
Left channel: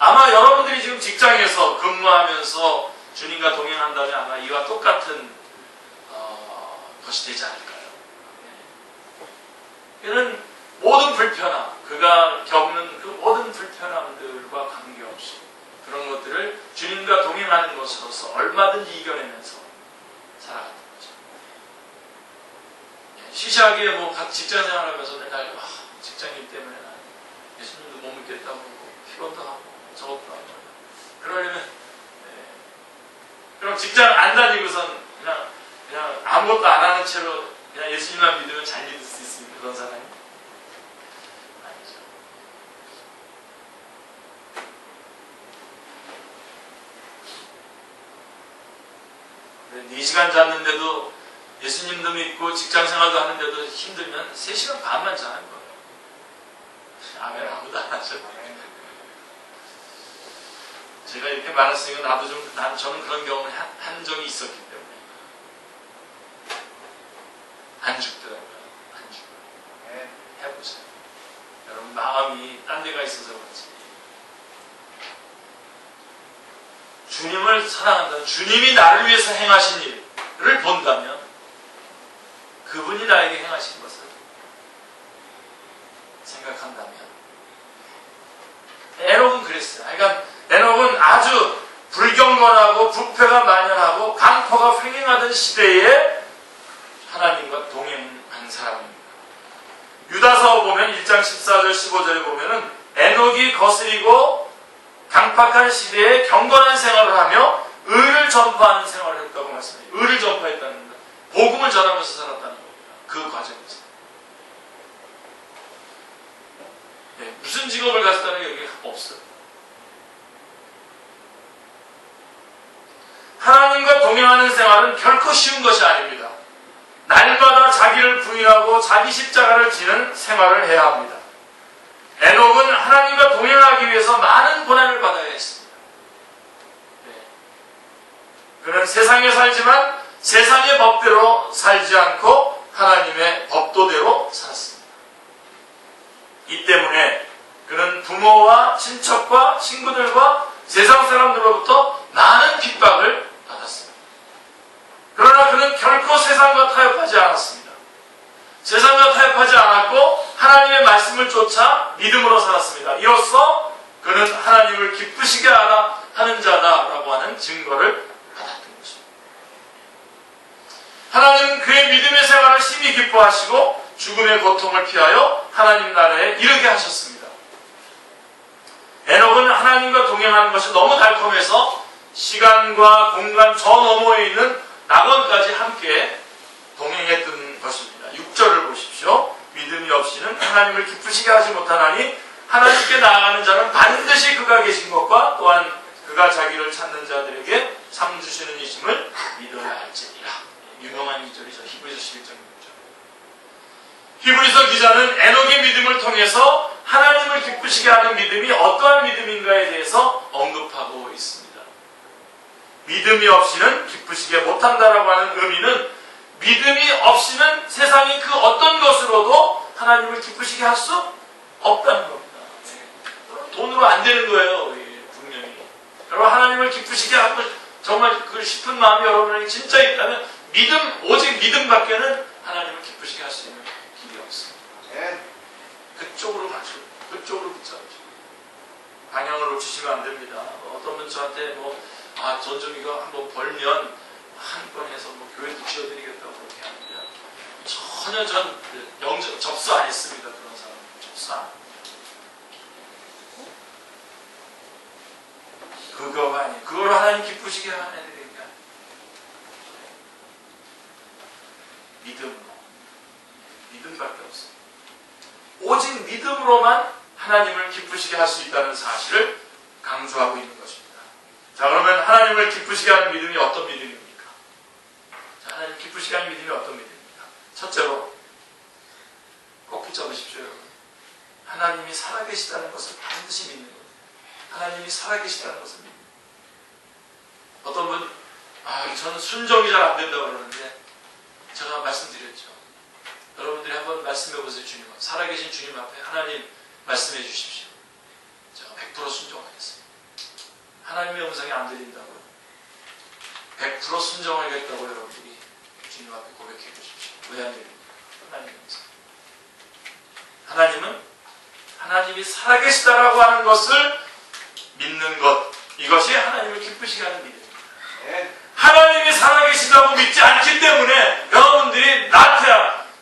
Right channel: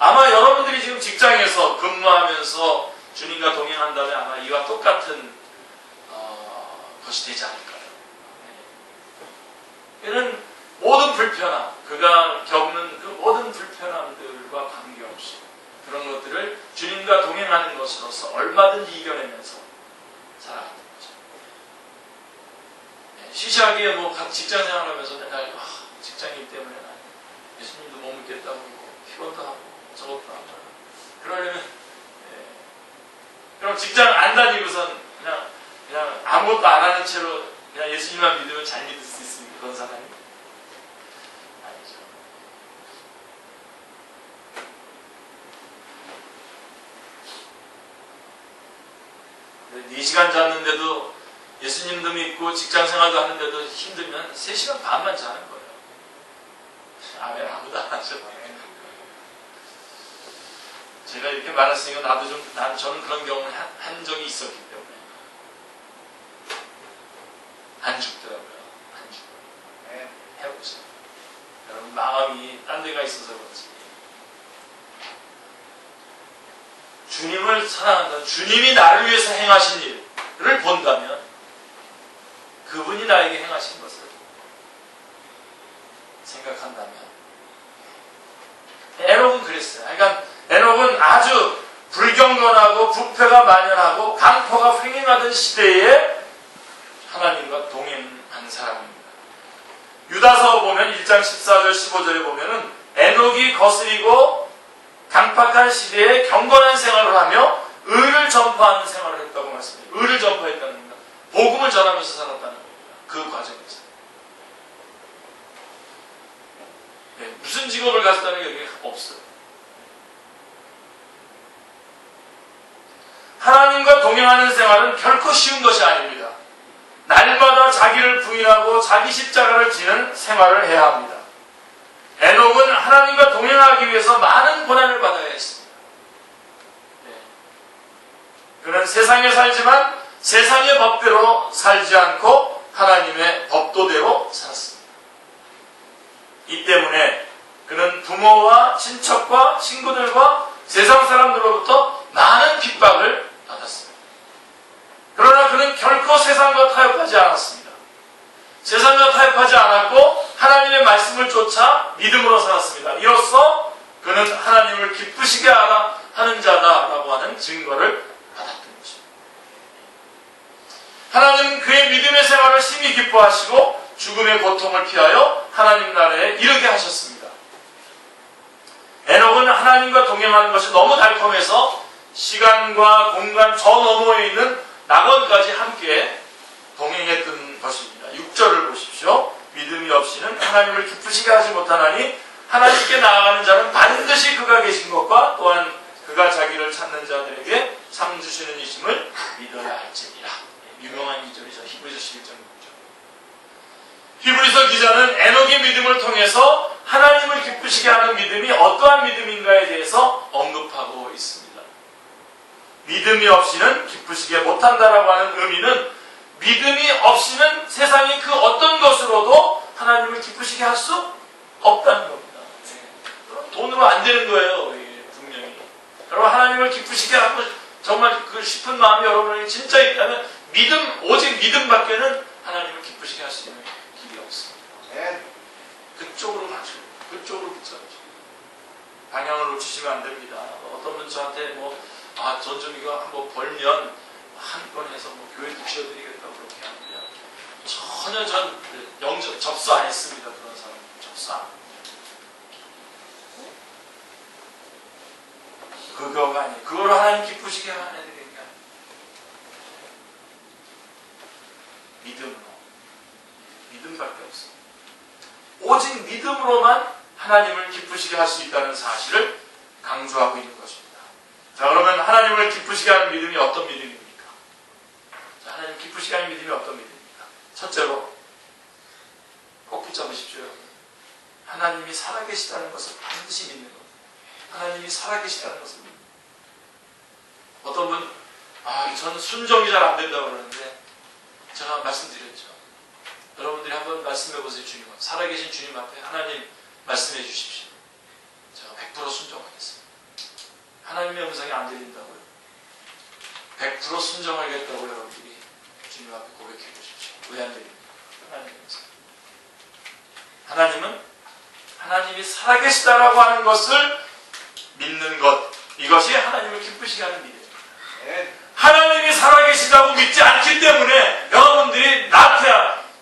아마 여러분들이 지금 직장에서 근무하면서 주님과 동행한다면 아마 이와 똑같은 것이 되지 않을까요? 이는 모든 불편함, 그가 겪는 그 모든 불편함들과 관계없이 그런 것들을 주님과 동행하는 것으로서 얼마든지 이겨내면서 살아가는 거죠. 시시하게 각 직장 생활하면서 맨날 직장인 때문에 예수님도 못 믿겠다고 피곤도 하고 저것도 하고 그러려면 그럼 직장 안 다니고선 그냥 아무것도 안 하는 채로 그냥 예수님만 믿으면 잘 믿을 수 있습니까? 그런 사람이? 아니죠. 네 4시간 잤는데도 예수님도 믿고 직장 생활도 하는데도 힘들면 3시간 반만 자는 거예요. 아멘. 아무도 안 하죠. 제가 이렇게 말했으니까 저는 그런 경험을 한 적이 있었기 때문에 안 죽더라고요. 안 죽어요. 해보세요. 여러분 마음이 딴 데가 있어서 그렇지. 주님을 사랑한다면, 주님이 나를 위해서 행하신 일을 본다면 그분이 나에게 행하신 것을 생각한다면, 에녹은 그랬어요. 그러니까 에녹은 아주 불경건하고 부패가 만연하고 강포가 횡행하던 시대에 하나님과 동행한 사람입니다. 유다서 보면 1장 14절 15절에 보면은 에녹이 거스리고 강팍한 시대에 경건한 생활을 하며 의를 전파하는 생활을 했다고 말씀해요. 의를 전파했다는 겁니다. 복음을 전하면서 살았다는 겁니다. 그 과정에서. 네, 무슨 직업을 가졌다는 게 여기 없어요. 하나님과 동행하는 생활은 결코 쉬운 것이 아닙니다. 날마다 자기를 부인하고 자기 십자가를 지는 생활을 해야 합니다. 에녹은 하나님과 동행하기 위해서 많은 고난을 받아야 했습니다. 그는 세상에 살지만 세상의 법대로 살지 않고 하나님의 법도대로 살았습니다. 이 때문에 그는 부모와 친척과 친구들과 세상 사람들로부터 많은 핍박을 받았습니다. 그러나 그는 결코 세상과 타협하지 않았습니다. 세상과 타협하지 않았고 하나님의 말씀을 쫓아 믿음으로 살았습니다. 이로써 그는 하나님을 기쁘시게 하는 자다라고 하는 증거를 받았던 것입니다. 하나님은 그의 믿음의 생활을 심히 기뻐하시고 죽음의 고통을 피하여 하나님 나라에 이르게 하셨습니다. 에녹은 하나님과 동행하는 것이 너무 달콤해서 시간과 공간 저 너머에 있는 낙원까지 함께 동행했던 것입니다. 6절을 보십시오. 믿음이 없이는 하나님을 기쁘시게 하지 못하나니 하나님께 나아가는 자는 반드시 그가 계신 것과 또한 그가 자기를 찾는 자들에게 상 주시는 이심을 믿어야 할지니라. 유명한 2절이죠. 히브리서 11장 6절. 히브리서 기자는 에녹의 믿음을 통해서 하나님을 기쁘시게 하는 믿음이 어떠한 믿음인가에 대해서 언급하고 있습니다. 믿음이 없이는 기쁘시게 못한다라고 하는 의미는 믿음이 없이는 세상의 그 어떤 것으로도 하나님을 기쁘시게 할 수 없다는 겁니다. 돈으로 안 되는 거예요. 분명히. 여러분 하나님을 기쁘시게 하고 정말 그 싶은 마음이 여러분에게 진짜 있다면 오직 믿음밖에는 하나님을 기쁘시게 할 수 있는 길이 없습니다. 그쪽으로 가죠. 그쪽으로 붙여야죠. 방향을 놓치시면 안 됩니다. 어떤 분 저한테 전 좀 이거 한번 벌면 한 번 해서 교회도 지어드리겠다고 그렇게 합니다. 전혀 접수 안 했습니다. 그런 사람 접수 안 합니다. 그거가 아니에요. 그걸 하나님 기쁘시게 하는 애들에게 믿음밖에 없어요. 오직 믿음으로만 하나님을 기쁘시게 할 수 있다는 사실을 강조하고 있는 것입니다. 자, 그러면 하나님을 기쁘시게 하는 믿음이 어떤 믿음입니까? 자, 하나님 기쁘시게 하는 믿음이 어떤 믿음입니까? 첫째로 꼭 붙잡으십시오, 여러분. 하나님이 살아계시다는 것을 반드시 믿는 겁니다. 하나님이 살아계시다는 것을 믿는 겁니다. 어떤 분, 저는 순종이 잘 안 된다고 그러는데 제가 말씀드렸죠. 여러분들이 한번 말씀해 보세요. 주님, 살아계신 주님 앞에 하나님 말씀해 주십시오. 제가 100% 순종하겠습니다. 하나님의 음성이 안 들린다고요. 100% 순종하겠다고 여러분들이 주님 앞에 고백해 보십시오. 왜 안 들립니까? 하나님의 음성. 하나님은 하나님이 살아계시다라고 하는 것을 믿는 것, 이것이 하나님을 기쁘시게 하는 믿음입니다. 하나님이 살아계시다고 믿지 않기 때문에 여러분들이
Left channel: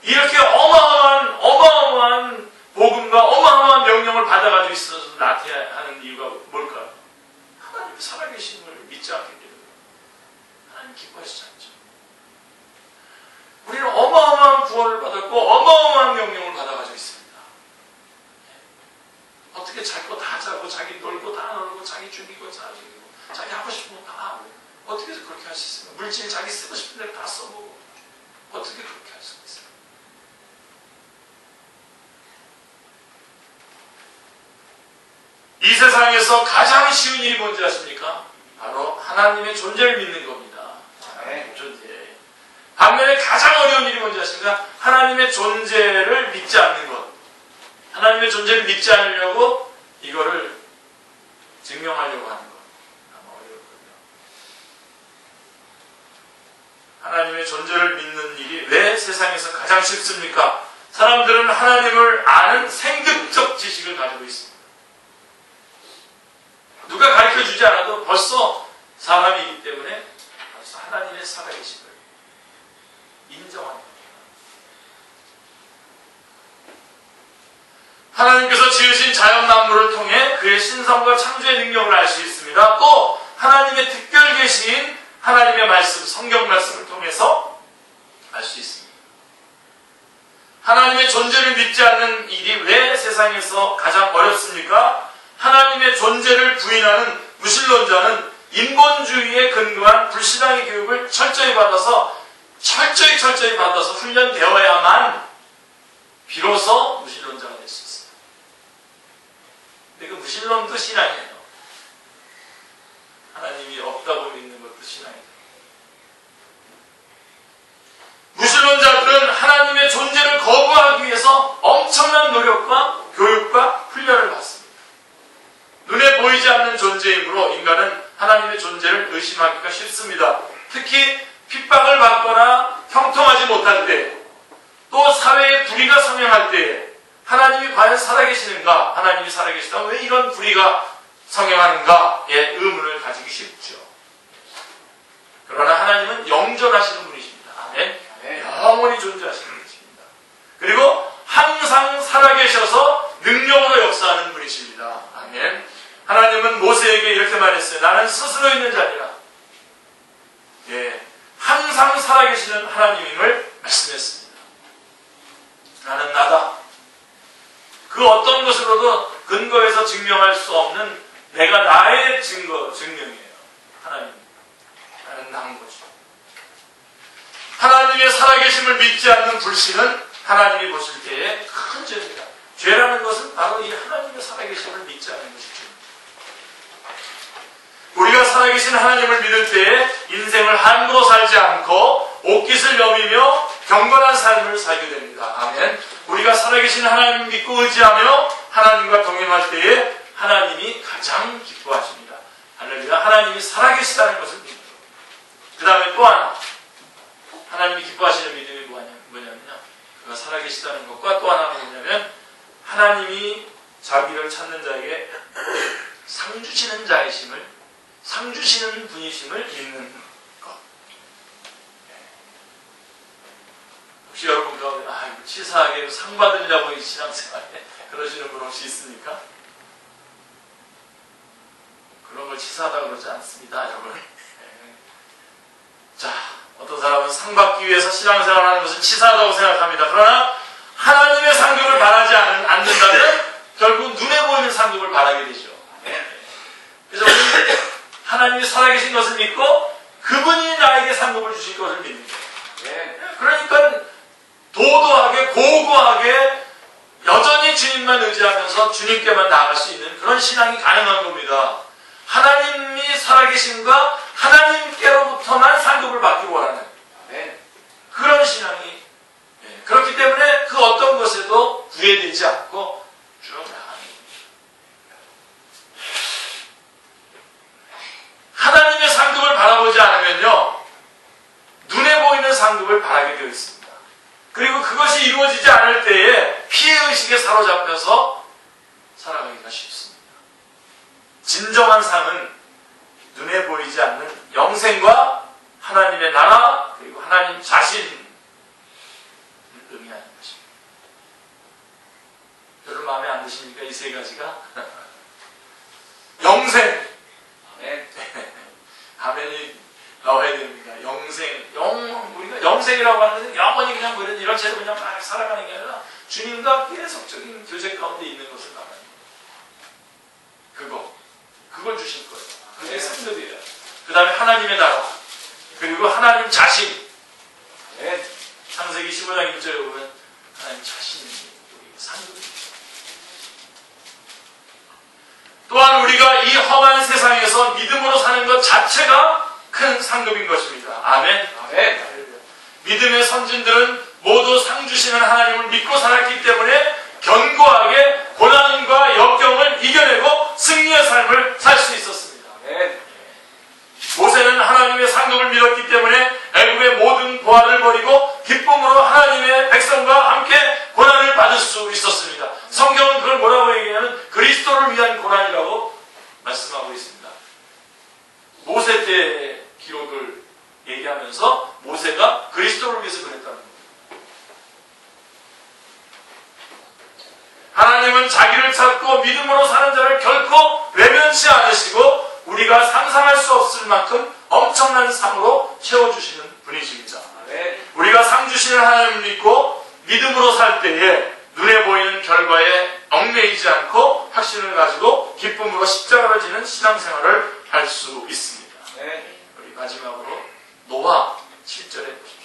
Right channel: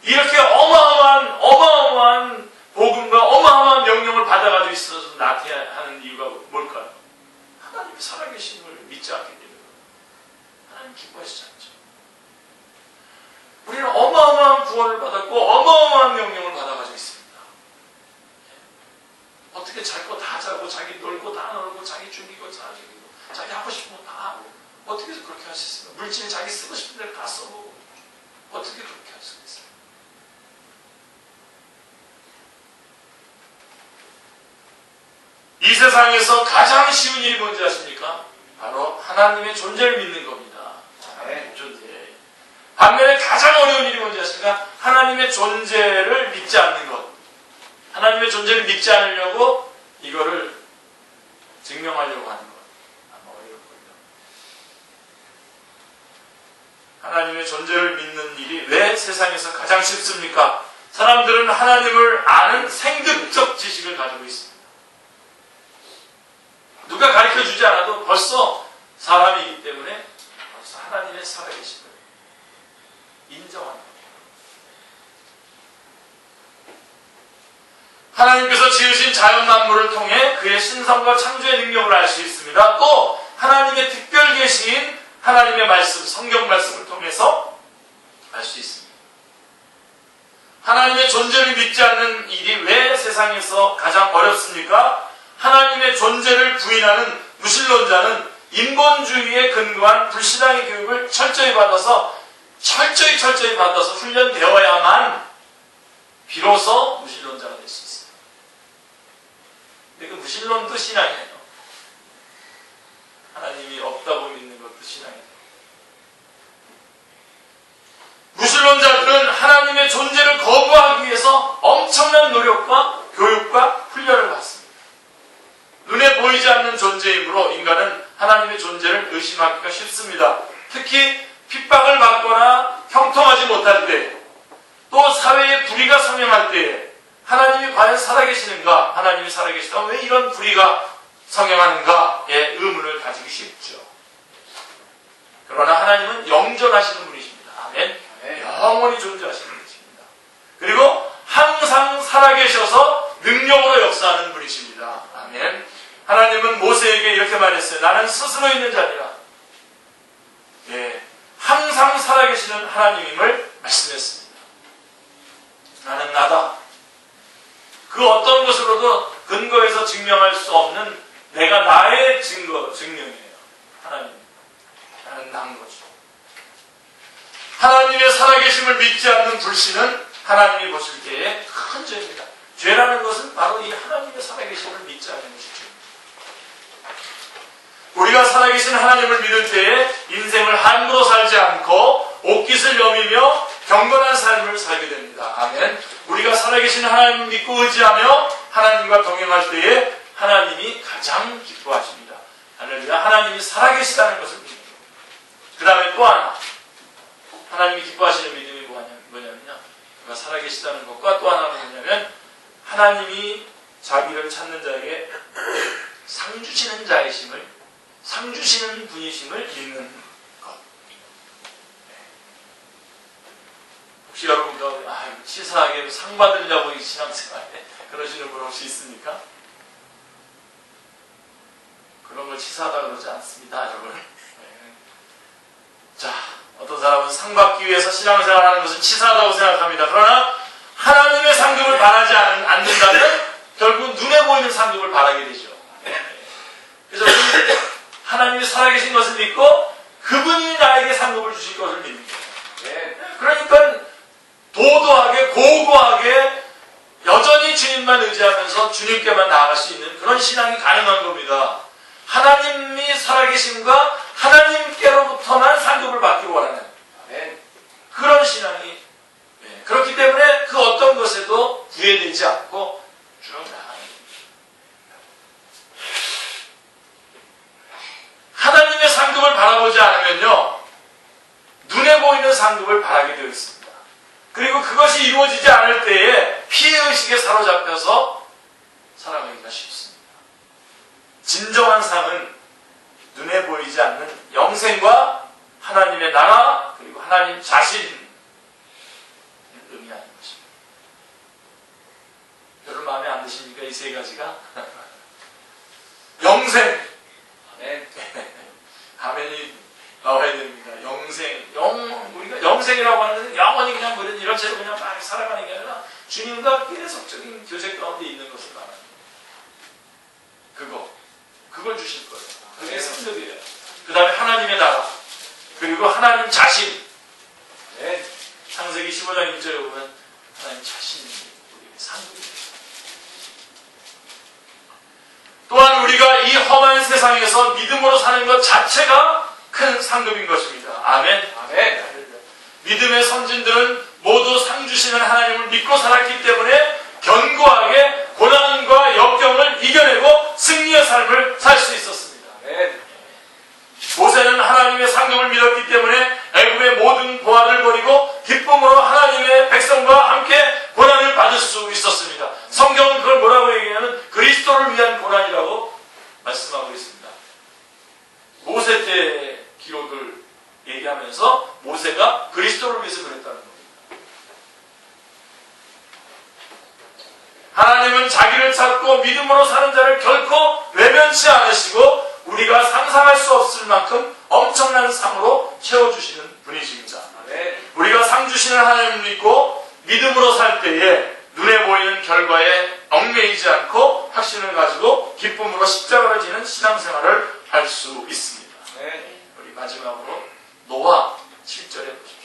이렇게 어마어마한 복음과 어마어마한 명령을 받아가지고 있어서 나태하는 이유가 뭘까요? 하나님이 살아계심을 믿지 않기 때문에 하나님 기뻐하시지 않죠. 우리는 어마어마한 구원을 받았고 어마어마한 명령을 받아가지고 있습니다. 어떻게 잘 거 다 자고 자기 놀고 다 놀고 자기 죽이고 다 죽이고 자기 하고 싶은 거 다 하고 어떻게 그렇게 할 수 있습니까? 물질 자기 쓰고 싶은 대로 다 써보고 어떻게 그렇게 할 수 있어요? 이 세상에서 가장 쉬운 일이 뭔지 아십니까? 바로 하나님의 존재를 믿는 겁니다. 하나님의 존재. 반면에 가장 어려운 일이 뭔지 아십니까? 하나님의 존재를 믿지 않는 것. 하나님의 존재를 믿지 않으려고 이거를 증명하려고 하는 것. 아마 어렵거든요. 하나님의 존재를 믿는 일이 왜 세상에서 가장 쉽습니까? 사람들은 하나님을 아는 생득적 지식을 가지고 있습니다. 누가 가르쳐주지 않아도 벌써 사람이기 때문에 벌써 하나님의 살아계심을 인정합니다. 하나님께서 지으신 자연 만물을 통해 그의 신성과 창조의 능력을 알 수 있습니다. 또 하나님의 특별 계시인 하나님의 말씀, 성경 말씀을 통해서 알 수 있습니다. 하나님의 존재를 믿지 않는 일이 왜 세상에서 가장 어렵습니까? 하나님의 존재를 부인하는 무신론자는 인본주의에 근거한 불신앙의 교육을 철저히 받아서 훈련되어야만 비로소 무신론자가 될 수 있습니다. 근데 그 무신론도 신앙이에요. 하나님이 없다고 믿는 것도 신앙이에요. 무신론자들은 하나님의 존재를 거부하기 위해서 엄청난 노력과 교육과 훈련을 받습니다. 눈에 보이지 않는 존재이므로 인간은 하나님의 존재를 의심하기가 쉽습니다. 특히 핍박을 받거나 형통하지 못할 때, 또 사회에 불의가 성행할 때에 하나님이 과연 살아계시는가? 하나님이 살아계시다면 왜 이런 불의가 성행하는가에 의문을 가지기 쉽죠. 그러나 하나님은 영존하시는 분이십니다. 아멘. 영원히 존재하시는 분이십니다. 그리고 항상 살아계셔서 능력으로 역사하는 분이십니다. 아멘. 하나님은 모세에게 이렇게 말했어요. 나는 스스로 있는 자니라. 항상 살아계시는 하나님임을 말씀했습니다. 나는 나다. 그 어떤 것으로도 근거해서 증명할 수 없는 내가 나의 증명이에요. 하나님. 나는 난 거죠. 하나님의 살아계심을 믿지 않는 불신은 하나님이 보실 때에 큰 죄입니다. 죄라는 것은 바로 이 하나님의 살아계심을 믿지 않는 것이죠. 우리가 살아계신 하나님을 믿을 때에 인생을 함부로 살지 않고 옷깃을 여미며 경건한 삶을 살게 됩니다. 아멘. 우리가 살아계신 하나님을 믿고 의지하며 하나님과 동행할 때에 하나님이 가장 기뻐하십니다. 할렐루야. 하나님이 살아계시다는 것을 믿는 거예요. 그 다음에 또 하나 하나님이 기뻐하시는 믿음이 뭐냐면요. 그가 살아계시다는 것과 또 하나는 뭐냐면 하나님이 자기를 찾는 자에게 상 주시는 자이심을 상 주시는 분이심을 믿는 것. 혹시 여러분과 치사하게 상 받으려고 이 신앙생활에 그러시는 분 혹시 있습니까? 그런 걸 치사하다 그러지 않습니다, 여러분. 자, 어떤 사람은 상 받기 위해서 신앙생활하는 것은 치사하다고 생각합니다. 그러나 하나님의 상급을 바라지 않는다면 결국 눈에 보이는 상급을 바라게 되죠. 그래서 하나님이 살아계신 것을 믿고 그분이 나에게 상급을 주실 것을 믿는 거예요. 그러니까 도도하게 고고하게 여전히 주님만 의지하면서 주님께만 나아갈 수 있는 그런 신앙이 가능한 겁니다. 하나님이 살아계심과 하나님께로부터만 상급을 받기를 원하는 그런 신앙이 그렇기 때문에 그 어떤 것에도 구애되지 않고 쭉 나가는 겁니다. 하나님의 상급을 바라보지 않으면요 눈에 보이는 상급을 바라게 되어 있습니다. 그리고 그것이 이루어지지 않을 때에 피해의식에 사로잡혀서 살아가기가 쉽습니다. 진정한 상은 눈에 보이지 않는 영생과 하나님의 나라 그리고 하나님 자신을 의미하는 것입니다. 여러분 마음에 안 드십니까? 이 세 가지가? 영생 가면이 나와야 됩니다. 영생 우리가 영생이라고 하는 것은 영원히 그냥 이런 채로 그냥 막 살아가는 게 아니라 주님과 계속적인 교제 가운데 있는 것을 말합니다. 그걸 주실 거예요. 그게 상급이에요. 그 다음에 하나님의 나라 그리고 하나님 자신 창세기 15장 1절에 보면 하나님 자신이 우리의 상급입니다. 또한 우리가 이 험한 세상에서 믿음으로 사는 것 자체가 큰 상급인 것입니다. 아멘. 아멘. 믿음의 선진들은 모두 상 주시는 하나님을 믿고 살았기 때문에 견고하게 고난과 역경을 이겨내고 승리의 삶을 살 수 있었습니다. 아멘. 모세는 하나님의 상급을 믿었기 때문에 애굽의 모든 보화를 버리고 기쁨으로 하나님의 백성과 함께 고난을 받을 수 있었습니다. 성경은 그걸 뭐라고 얘기하냐면 그리스도를 위한 고난이라고 말씀하고 있습니다. 모세 때의 기록을 얘기하면서 모세가 그리스도를 위해서 그랬다는 겁니다. 하나님은 자기를 찾고 믿음으로 사는 자를 결코 외면치 않으시고 우리가 상상할 수 없을 만큼 엄청난 상으로 채워주시는 분이십니다. 아멘. 우리가 상 주시는 하나님을 믿고 믿음으로 살 때에 눈에 보이는 결과에 얽매이지 않고 확신을 가지고 기쁨으로 십자가를 지는 신앙생활을 할 수 있습니다. 아멘. 우리 마지막으로 노아 7절에 보십시오.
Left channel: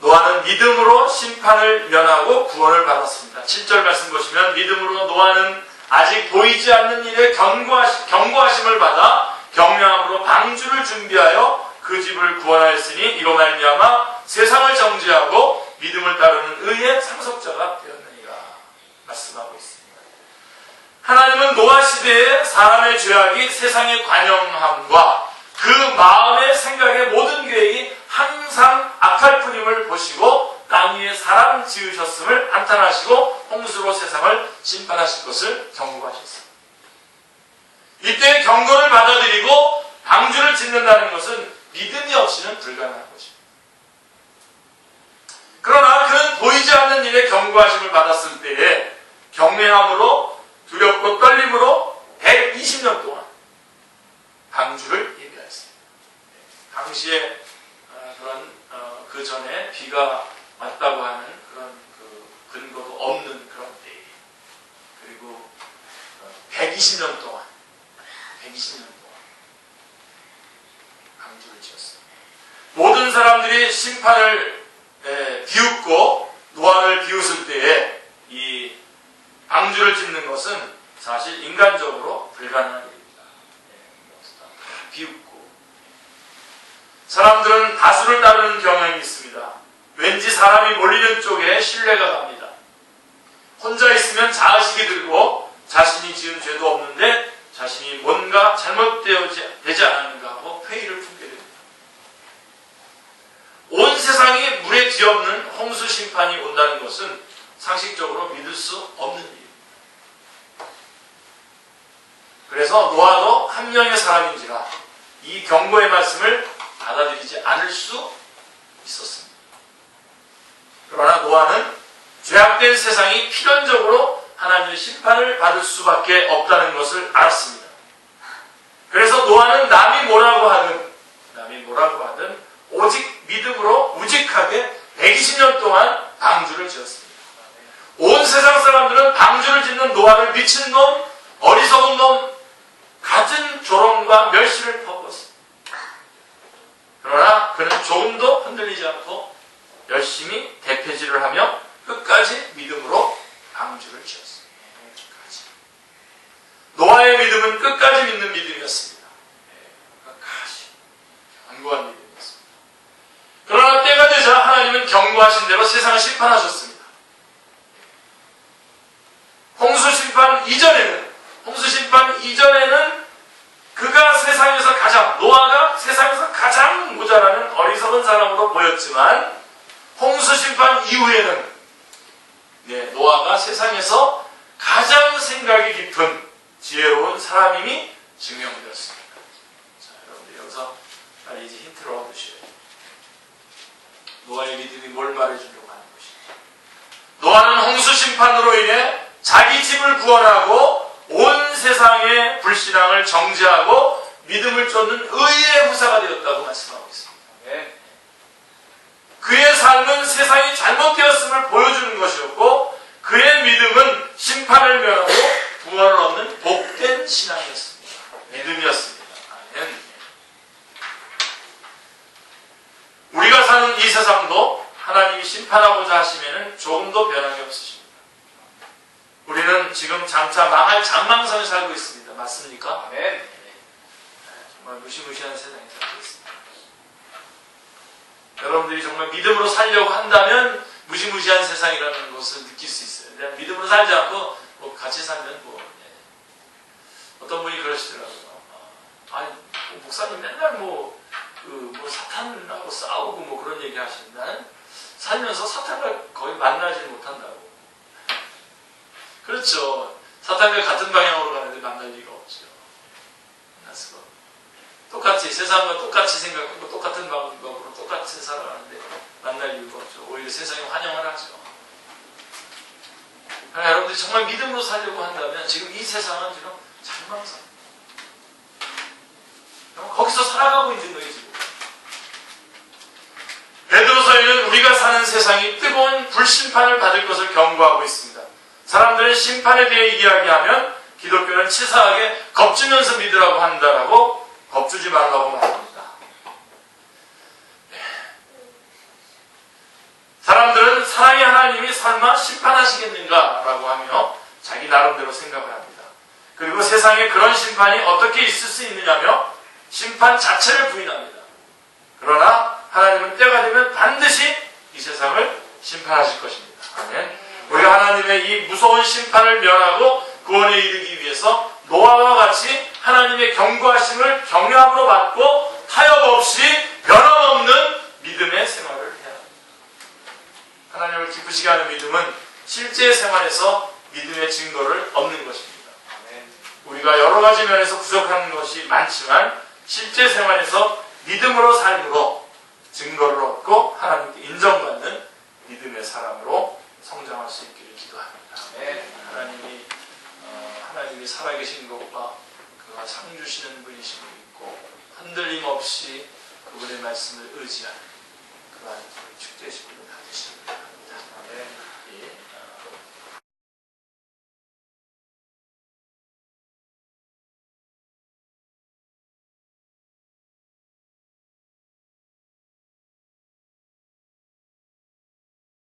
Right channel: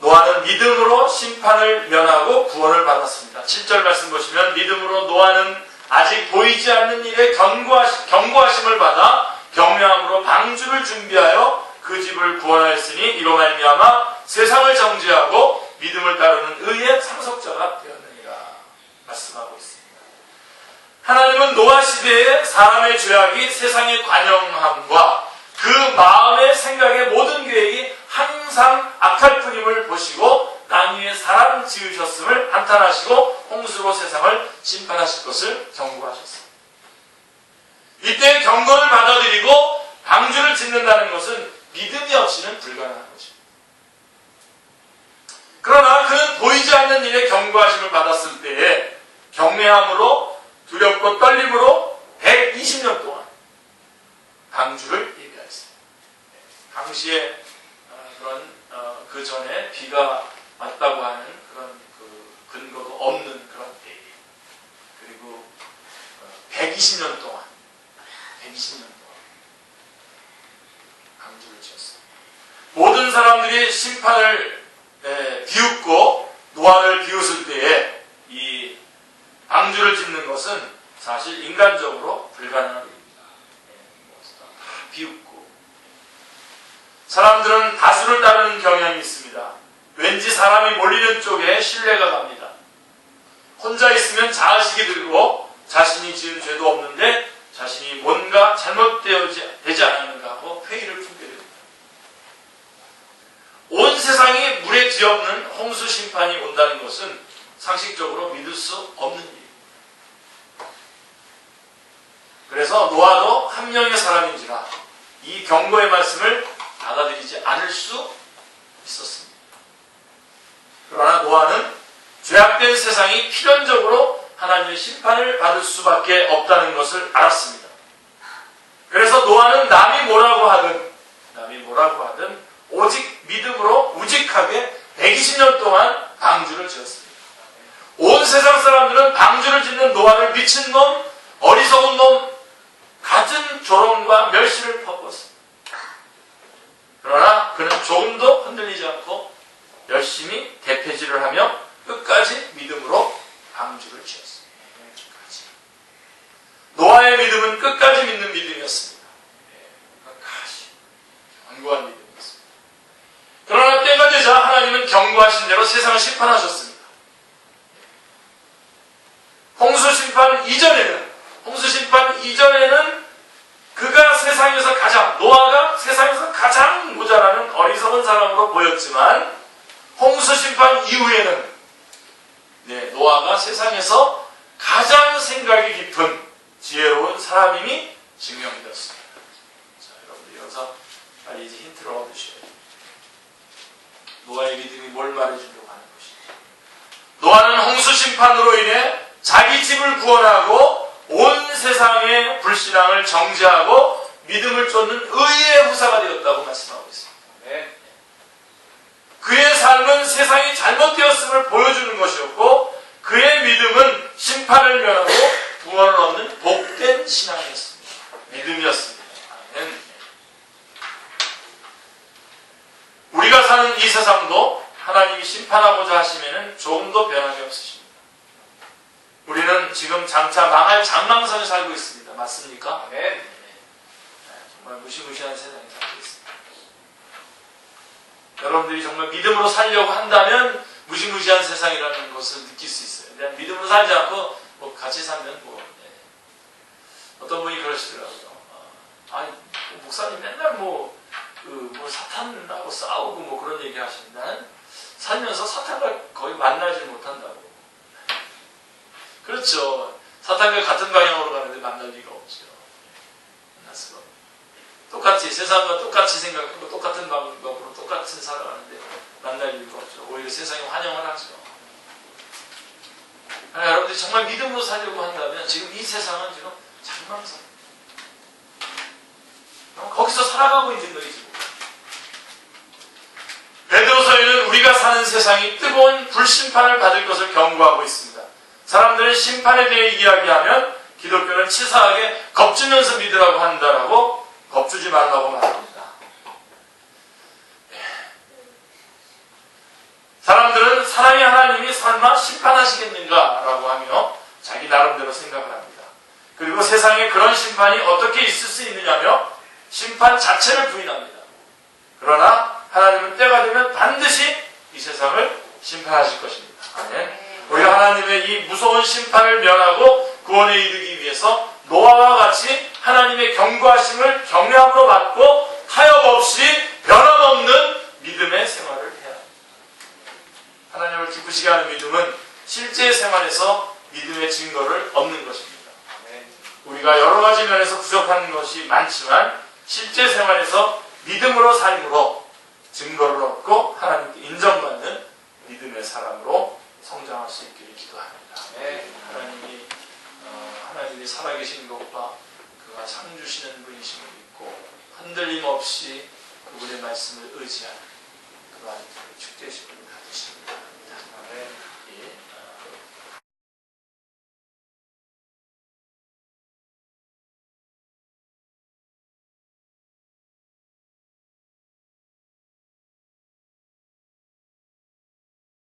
노아는 믿음으로 심판을 면하고 구원을 받았습니다. 7절 말씀 보시면 믿음으로 노아는 아직 보이지 않는 일에 경고하심을 받아 경외함으로 방주를 준비하여 그 집을 구원하였으니 이로 말미암아 세상을 정죄하고 믿음을 따르는 의의 상속자가 되었느니라 말씀하고 있습니다. 하나님은 노아 시대에 사람의 죄악이 세상의 관영함과 그 마음의 생각의 모든 계획이 항상 악할 뿐임을 보시고 땅 위에 사람 지으셨음을 한탄하시고 홍수로 세상을 심판하실 것을 경고하셨습니다. 이때 경고를 받아들이고 방주를 짓는다는 것은 믿음이 없이는 불가능한 것입니다. 그러나 그는 보이지 않는 일에 경고하심을 받았을 때에 경외함으로 두렵고 떨림으로 120년 동안 방주를 예비하였습니다. 당시에 그런 그 전에 비가 왔다고 하는 그런 그 근거도 없는 그런 때에 그리고 120년 동안 방주를 지었어요. 모든 사람들이 심판을 비웃고 노아를 비웃을 때에 이 방주를 짓는 것은 사실 인간적으로 불가능한 일입니다. 다 비웃고 사람들은 다수를 따르는 경향이 있습니다. 왠지 사람이 몰리는 쪽에 신뢰가 갑니다. 혼자 있으면 자의식이 들고 자신이 지은 죄도 없는데 자신이 뭔가 잘못되지 않았는가 하고 회의를 품게 됩니다. 온 세상이 물에 뒤엎는 홍수 심판이 온다는 것은 상식적으로 믿을 수 없는 일입니다. 그래서 노아도 한 명의 사람인지라 이 경고의 말씀을 받아들이지 않을 수 있었습니다. 그러나 노아는 죄악된 세상이 필연적으로 하나님의 심판을 받을 수밖에 없다는 것을 알았습니다. 그래서 노아는 남이 뭐라고 하든 오직 믿음으로 우직하게 120년 동안 방주를 지었습니다. 온 세상 사람들은 방주를 짓는 노아를 미친 놈, 어리석은 놈, 갖은 조롱과 멸시를 퍼부었습니다. 그러나 그는 조금도 흔들리지 않고 열심히 대패질을 하며 끝까지 믿음으로 방주를 지었습니다. 노아의 믿음은 끝까지 믿는 믿음이었습니다. 끝까지 견고한 믿음이었습니다. 그러나 때가 되자 하나님은 경고하신 대로 세상을 심판하셨습니다. 홍수 심판 이전에는 노아가 세상에서 가장 모자라는 어리석은 사람으로 보였지만 홍수 심판 이후에는 노아가 세상에서 가장 생각이 깊은 지혜로운 사람임이 증명되었습니다. 자, 여러분들 여기서 이제 힌트를 얻으셔야 돼요. 노아의 믿음이 뭘 말해주려고 하는 것인지. 노아는 홍수 심판으로 인해 자기 집을 구원하고 온 세상의 불신앙을 정죄하고 믿음을 쫓는 의의 후사가 되었다고 말씀하고 있습니다. 네. 그의 삶은 세상이 잘못되었음을 보여주는 것이었고 그의 믿음은 심판을 면하고 구원을 얻는 복된 신앙이었습니다. 믿음이었습니다. 아멘. 우리가 사는 이 세상 심판하고자 하시면은 조금도 변함이 없으십니다. 우리는 지금 장차 망할 장망성에 살고 있습니다. 맞습니까? 아멘. 정말 무시무시한 세상에 살고 있습니다. 여러분들이 정말 믿음으로 살려고 한다면 무시무시한 세상이라는 것을 느낄 수 있어요. 그냥 믿음으로 살지 않고 뭐 같이 살면 어떤 분이 그러시더라고요. 아니 목사님 맨날 뭐 사탄하고 싸우고 뭐 그런 얘기 하시는데 나는 살면서 사탄과 거의 만나지 못한다고. 그렇죠. 사탄과 같은 방향으로 가는데 만날 리가 없죠. 만났어. 똑같이 세상과 똑같이 생각하고 똑같은 방법으로 똑같이 살아가는데 만날 이유가 없죠. 오히려 세상에 환영을 하죠. 그러나 여러분들이 정말 믿음으로 살려고 한다면 지금 이 세상은 지금 장망상. 거기서 살아가고 있는 거예요, 지금. 베드로서에는 우리가 사는 세상이 뜨거운 불심판을 받을 것을 경고하고 있습니다. 사람들은 심판에 대해 이야기하면 기독교는 치사하게 겁주면서 믿으라고 한다라고 겁주지 말라고 말합니다. 사람들은 사랑의 하나님이 설마 심판하시겠는가라고 하며 자기 나름대로 생각을 합니다. 그리고 세상에 그런 심판이 어떻게 있을 수 있느냐며 심판 자체를 부인합니다. 그러나 하나님은 때가 되면 반드시 이 세상을 심판하실 것입니다. 아멘. 우리가 하나님의 이 무서운 심판을 면하고 구원에 이르기 위해서 노아와 같이 하나님의 경고하심을 경외함으로 받고 타협 없이 변함없는 믿음의 생활을 해야 합니다. 하나님을 기쁘시게 하는 믿음은 실제 생활에서 믿음의 증거를 얻는 것입니다. 우리가 여러 가지 면에서 부족한 것이 많지만 실제 생활에서 믿음으로 삶으로 증거를 얻고 하나님께 인정받는 믿음의 사람으로 성장할 수 있기를 기도합니다. 하나님이 살아계신 것과 그가 상 주시는 분이심을 믿고 흔들림 없이 그분의 말씀을 의지하는 그와 주되시기를 받으십니다. 아멘. 예.